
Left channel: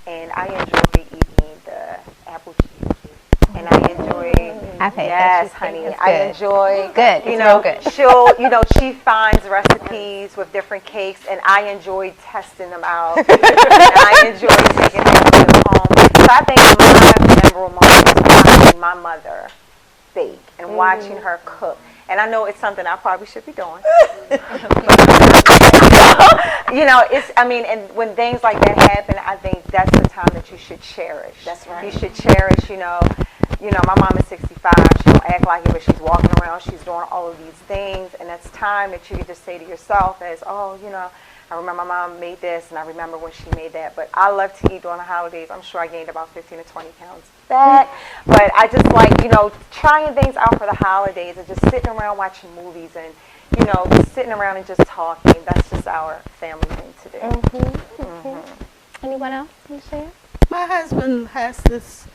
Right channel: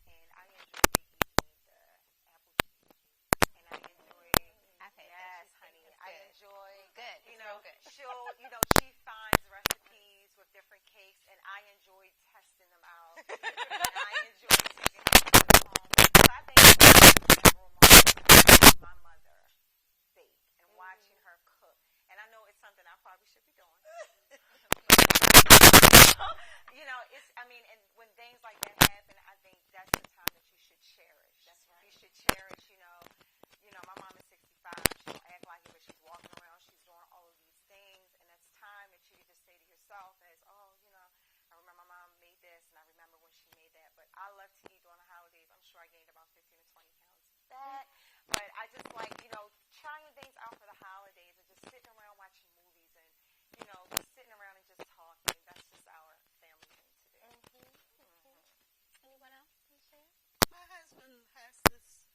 and I enjoy eating the apple cheesecake. And I enjoy, I've had that yes, cheesecake. honey, It's I good. enjoy, Good. you It's know, real good. she finds recipes with different cakes, and I enjoy testing them out. And I enjoy taking them home. So I think my memorable moment is watching my mother bake and watching her cook. And I know it's something I probably should be doing. And when things like that happen, I think that's the time that you should cherish. That's right. You should cherish, you know, my mom is 65. She don't act like it, but she's walking around. She's doing all of these things, and that's time that you can just say to yourself as, oh, you know, I remember my mom made this, and I remember when she made that. But I love to eat during the holidays. I'm sure I gained about 15 to 20 pounds back. But I just like, you know, trying things out for the holidays and just sitting around watching movies and, you know, just sitting around and just talking. That's just our family thing to do. Anyone else want to share? My husband has this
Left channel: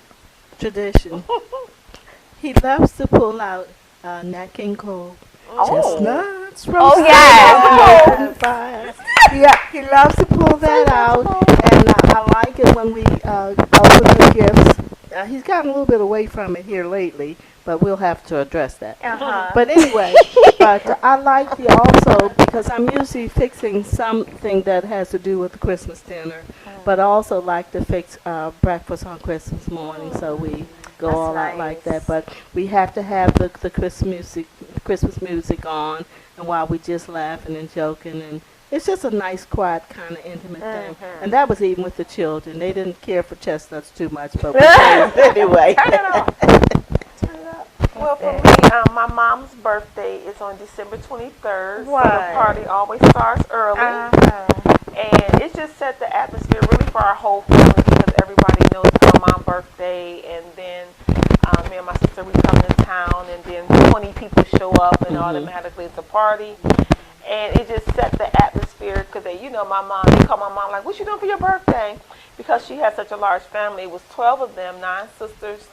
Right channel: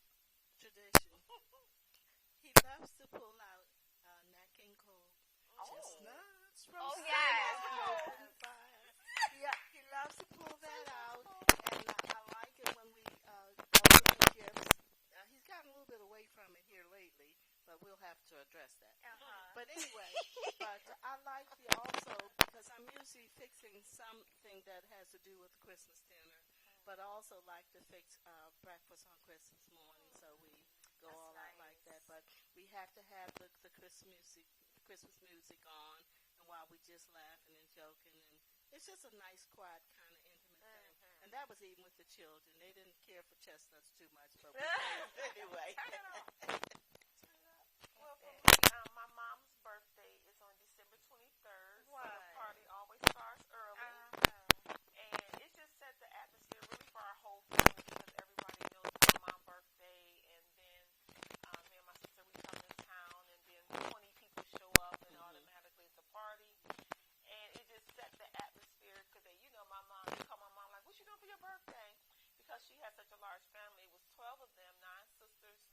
tradition. He loves to pull out Nat King Cole. Chestnuts from yes. fire. Yeah, he loves to pull that out, and I like it when we open the gifts. He's gotten a little bit away from it here lately, but we'll have to address that. But anyway, but I like the also, because I'm usually fixing something that has to do with the Christmas dinner, but I also like to fix breakfast on Christmas morning, so we go That's all out like nice. that. But we have to have the Christmas music on, and while we just laughing and joking, and it's just a nice, quiet, kind of intimate thing. And that was even with the children. They didn't care for chestnuts too much, but we praised anyway. Turn it off. Well, for me, my mom's birthday is on December 23rd. So What? the party always starts early. And it just set the atmosphere really for our whole family because everybody knows our mom's birthday. And then me and my sister, we come to town, and then 20 people show up, and automatically it's a party. And it just set the atmosphere because, you know, my mom, they call my mom like, what you doing for your birthday? Because she had such a large family. It was 12 of them, 9 sisters,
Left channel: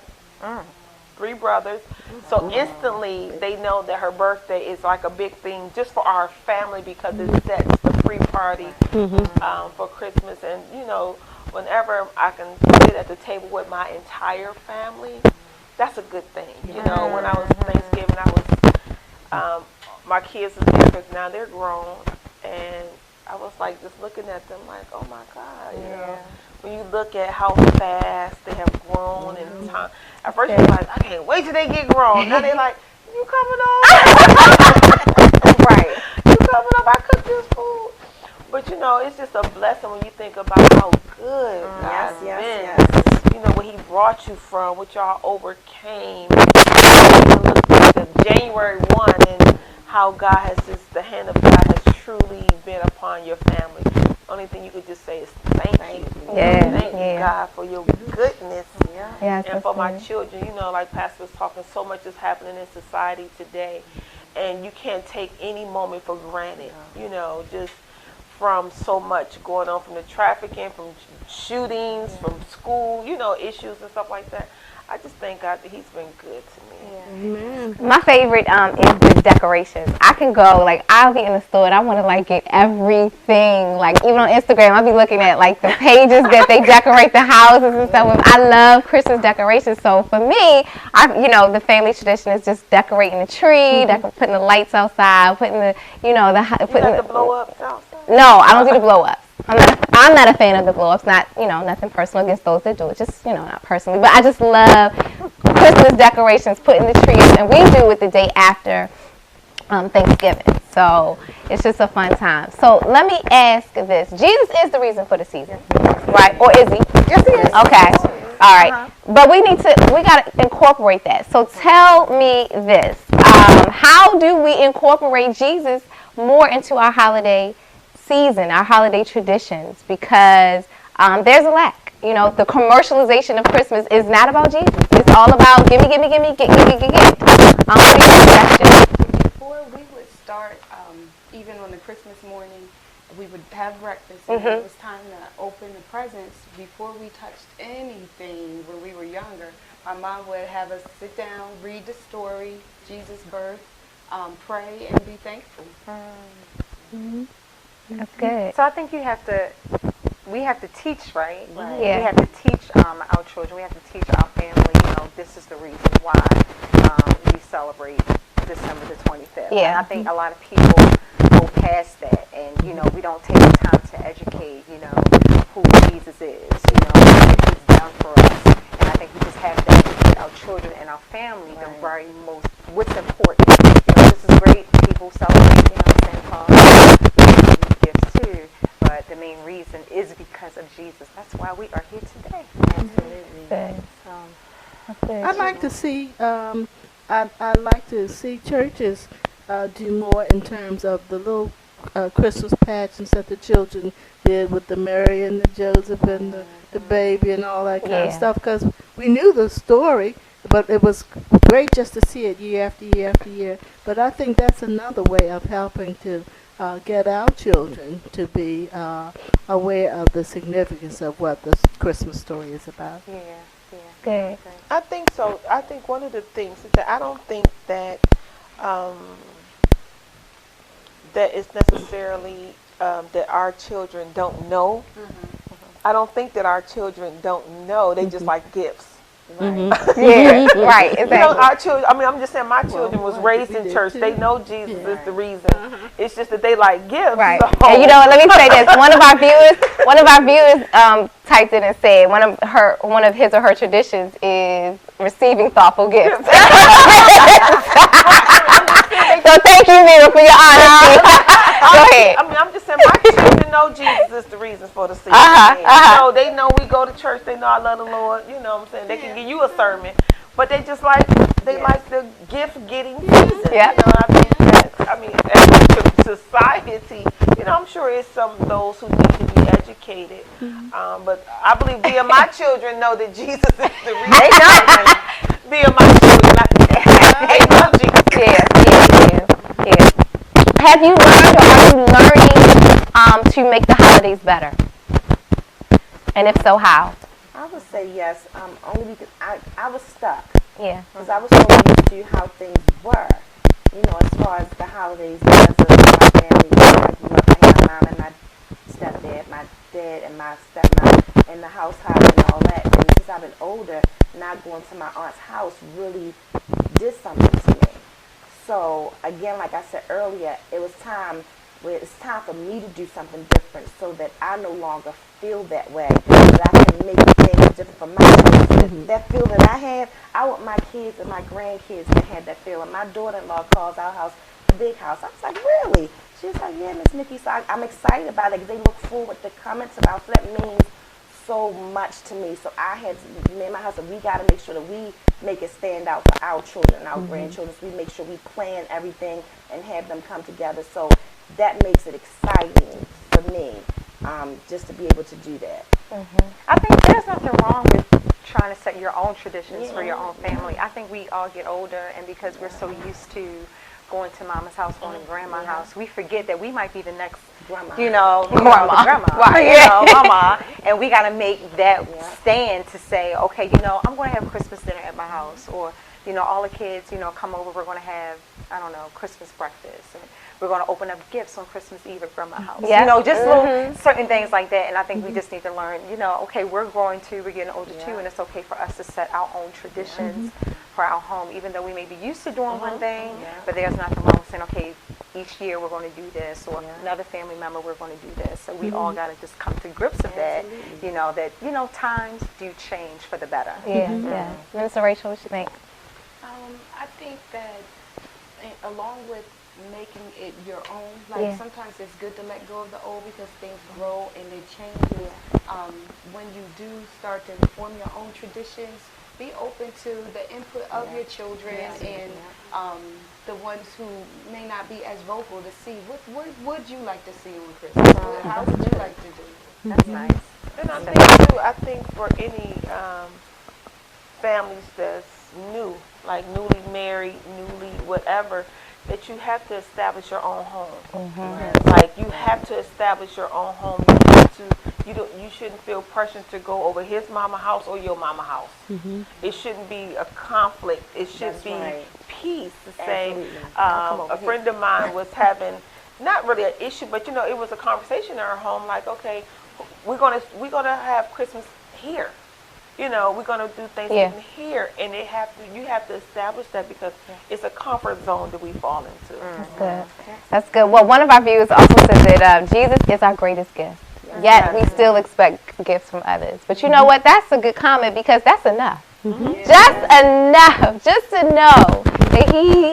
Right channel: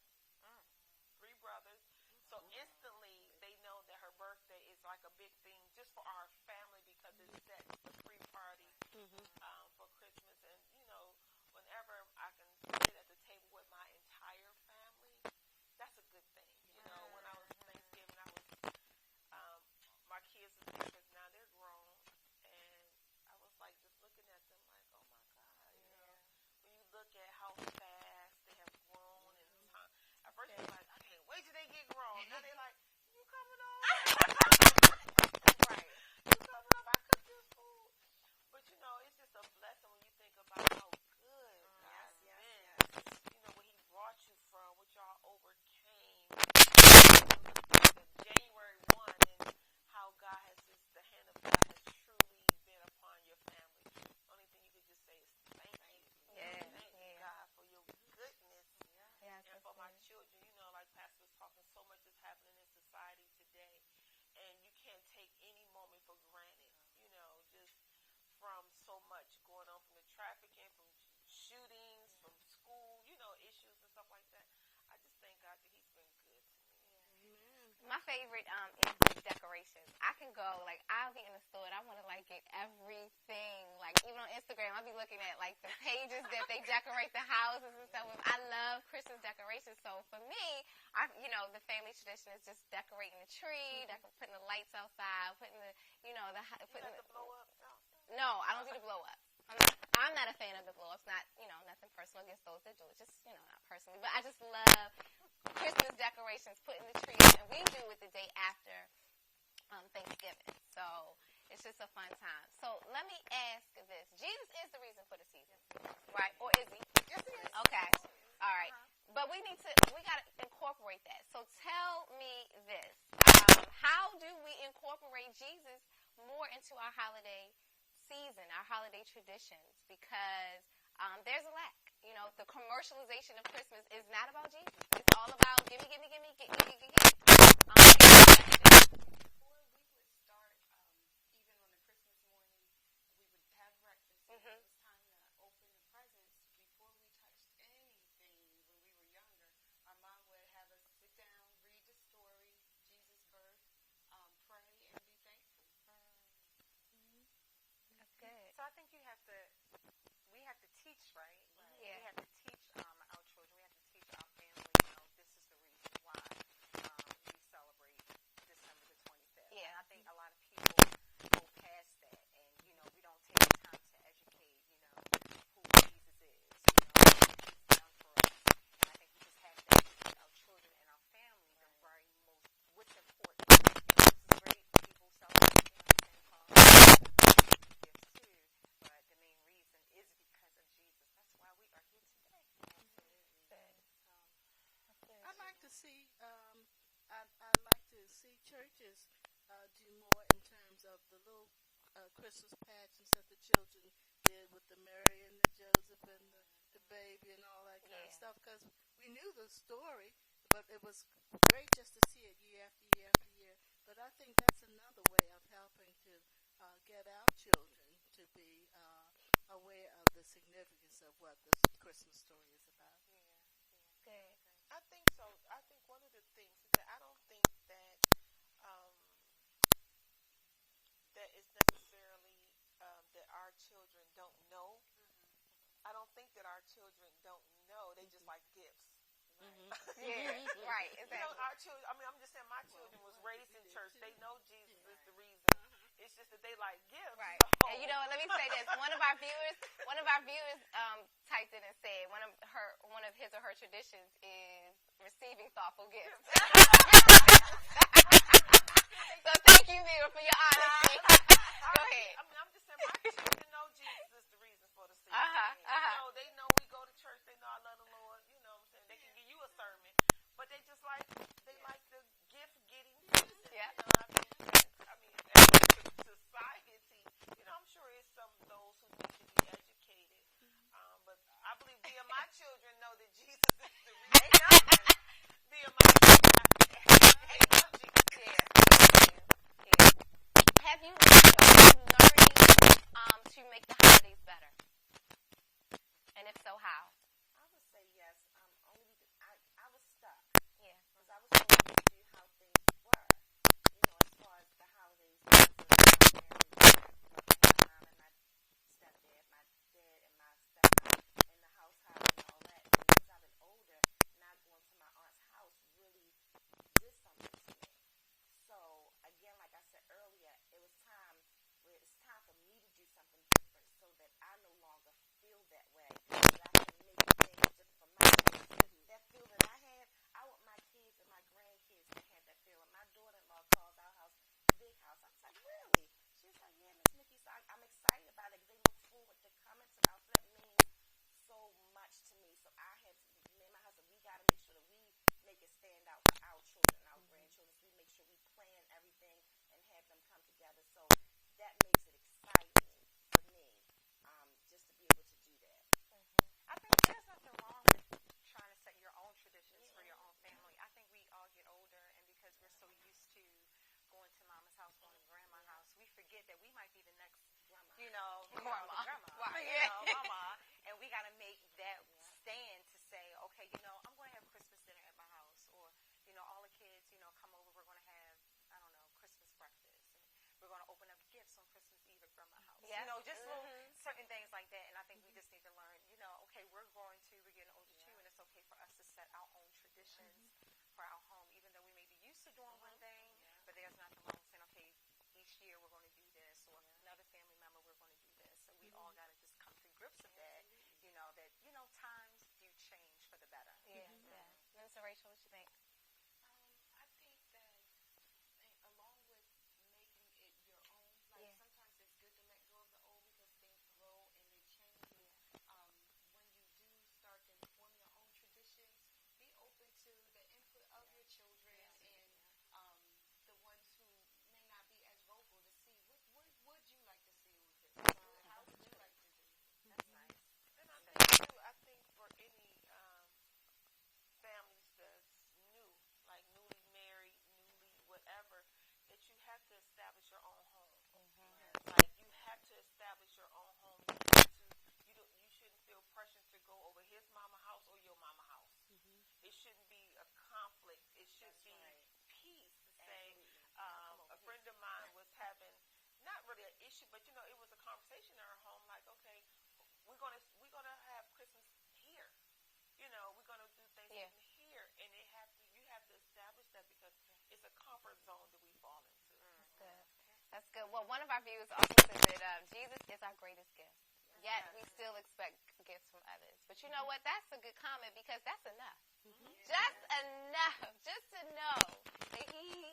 3 brothers. So instantly they know that her birthday is like a big thing just for our family because it sets the free party for Christmas. And, you know, whenever I can sit at the table with my entire family, that's a good thing. You know, when I was Thanksgiving, I was, my kids was there because now they're grown. And I was like just looking at them like, oh my God, you know. When you look at how fast they have grown in time. At first you're like, I can't wait till they get grown. Now they're like, you coming over? Right. You coming over? I cooked this food. But you know, it's just a blessing when you think about how good God's been. You know, where he brought you from, what y'all overcame. And look at the January 1 and how God has just, the hand of God has truly been upon your family. Only thing you could just say is thank you. Thank you, God, for your goodness. Yes, And for my children, you know, like Pastor was talking, so much is happening in society today. And you can't take any moment for granted, you know, just from so much going on, from the trafficking, from shootings, from school, you know, issues and stuff like that. I just thank God that he's been good to me. Amen. My favorite is the decorations. I can go, like, I'll be in the store and I want to, like, get everything. Like, even on Instagram, I'll be looking at, like, the pages that they decorate the houses and stuff with. I love Christmas decorations. So, for me, you know, the family tradition is just decorating the tree, putting the lights outside, putting the, you know, putting the blow-ups outside? No, I don't do the blow-ups. I'm not a fan of the blow-ups. Not, you know, nothing personal against those that do it. Just, you know, not personally. But I just love Christmas decorations, putting the trees, and we do it the day after Thanksgiving. So it's just a fun time. So let me ask this: Jesus is the reason for the season, right? Or is he? Yes, he is. Okay. All right. But we got to incorporate that. So tell me this: how do we incorporate Jesus more into our holiday season, our holiday traditions, because there's a lack. You know, the commercialization of Christmas is not about Jesus. It's all about gimme, get. What are your suggestions? Before we would start, even on the Christmas morning, we would have breakfast, and it was time to open the presents. Before we touched anything when we were younger, my mom would have us sit down, read the story, Jesus' birth, pray, and be thankful. That's good. So I think we have to teach, right? Yeah. We have to teach our children. We have to teach our family, you know, this is the reason why we celebrate December the 25th. Yeah. And I think a lot of people go past that and, you know, we don't take the time to educate, you know, who Jesus is, you know, what he's done for us. And I think we just have to educate our children and our family what's important. You know, this is great. People celebrate, you know, Santa Claus, gifts too. But the main reason is because of Jesus. That's why we are here today. Good. I'd like to see I'd like to see churches do more in terms of the little Christmas pageants that the children did with the Mary and the Joseph and the baby and all that kind of Yeah. stuff, because we knew the story, but it was great just to see it year after year after year. But I think that's another way of helping to get our children to be aware of the significance of what the Christmas story is about. Yeah, yeah. Good. I think so. I think one of the things is that I don't think that that it's necessarily that our children don't know. I don't think that our children don't know. They just like gifts. Yeah, right, exactly. You know, our children. I mean, I'm just saying, my children was raised in church. too. They know Jesus is the reason. It's just that they like gifts. Right. So. And you know what, let me say this. One of our viewers typed in and said one of his or her traditions is receiving thoughtful gifts. So thank you, Mira, for your honesty. Go ahead. I mean, I'm just saying, my children know Jesus is the reason for the season. So they know we go to church. They know I love the Lord. You know what I'm saying? They can give you a sermon, but they just like like the gift getting season. Yeah. You know, I think that as a society, you know, I'm sure it's some of those who need to be educated. But I believe via my children know that Jesus is the reason. They know. Via my children, they know Jesus. Yeah. Have you learned or are you learning to make the holidays better? And if so, how? I would say yes, only because I was stuck. Yeah. Because I was so used to how things were, you know, as far as the holidays, because of my family. I grew up, I had my mom and my stepdad, my dad and my stepmom, and the house and all that. And since I've been older, not going to my aunt's house really did something to me. So again, like I said earlier, it's time for me to do something different so that I no longer feel that way, that I can make things different for my kids. That feel that I have, I want my kids and my grandkids to have that feeling. My daughter-in-law calls our house the big house. I was like, really? She was like, yeah, Miss Nikki. So I'm excited about it because they look forward to coming to the house. That means so much to me. So me and my husband, we got to make sure that we make it stand out for our children and our grandchildren. So we make sure we plan everything and have them come together. So that makes it exciting for me, just to be able to do that. I think there's nothing wrong with trying to set your own traditions for your own family. I think we all get older, and because we're so used to going to mama's house, going to grandma's house, we forget that we might be the next Grandma. grandma, Right. mama, and we got to make that stand to say, okay, I'm going to have Christmas dinner at my house, or, all the kids, come over, we're going to have, I don't know, Christmas breakfast, and we're going to open up gifts on Christmas Eve at grandma's house. Yeah. Just little certain things like that, and I think we just need to learn, okay, we're getting older too, and it's okay for us to set our own traditions for our home, even though we may be used to doing one thing, but there's nothing wrong with saying, okay, each year we're going to do this, or another family member, we're going to do this. So we all got to just come to grips with that, times do change for the better. Yeah. Minister Rachel, what you think? I think that along with making it your own, sometimes it's good to let go of the old because things grow and they change. When you do start to form your own traditions, be open to the input of your children and the ones who may not be as vocal to see what would you like to see on Christmas? How would you like to do it? That's nice. And I think for any families that's new, like newly married, newly whatever, that you have to establish your own home. Like you have to establish your own home. You shouldn't feel pressure to go over his mama house or your mama house. It shouldn't be a conflict. It should be peace. To say, a friend of mine was having not really an issue, but it was a conversation in her home. Like, okay, we're gonna have Christmas here. We're gonna do Thanksgiving here, and you have to establish that because it's a comfort zone that we fall into. That's good. Well, one of our viewers also said that Jesus is our greatest gift. Yet we still expect gifts from others. But you know what? That's a good comment because that's enough. Just enough. Just to know that he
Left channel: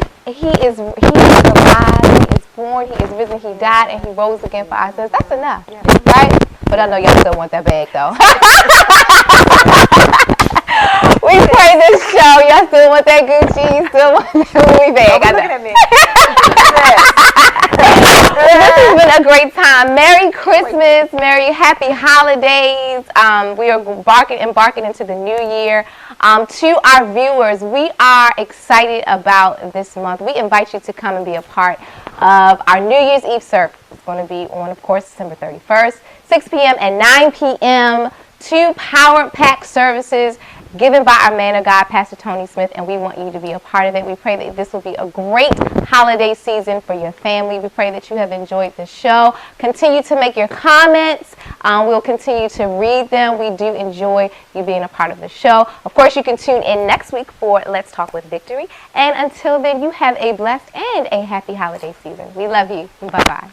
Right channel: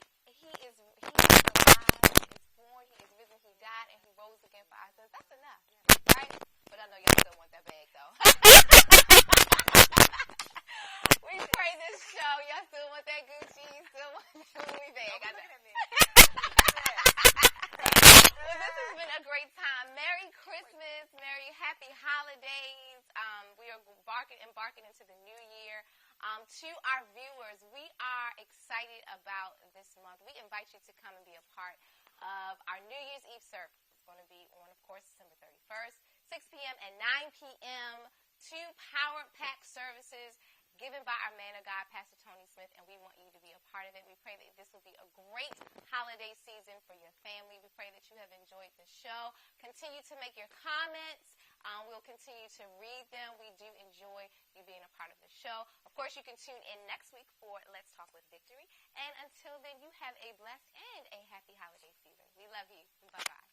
is alive, he is born, he is risen, he died, and he rose again for our sins. That's enough. Right? But I know y'all still want that bag though. We pray this show. Y'all still want that Gucci? You still want that Louis bag? Don't be looking at me. This has been a great time. Merry Christmas, Merry Happy Holidays. We are embarking into the new year. To our viewers, we are excited about this month. We invite you to come and be a part of our New Year's Eve service. It's going to be on, of course, December 31st, 6 p.m. and 9 p.m. 2 power-packed services given by our man of God, Pastor Tony Smith, and we want you to be a part of it. We pray that this will be a great holiday season for your family. We pray that you have enjoyed the show. Continue to make your comments. We'll continue to read them. We do enjoy you being a part of the show. Of course, you can tune in next week for Let's Talk with Victory. And until then, you have a blessed and a happy holiday season. We love you. Bye-bye.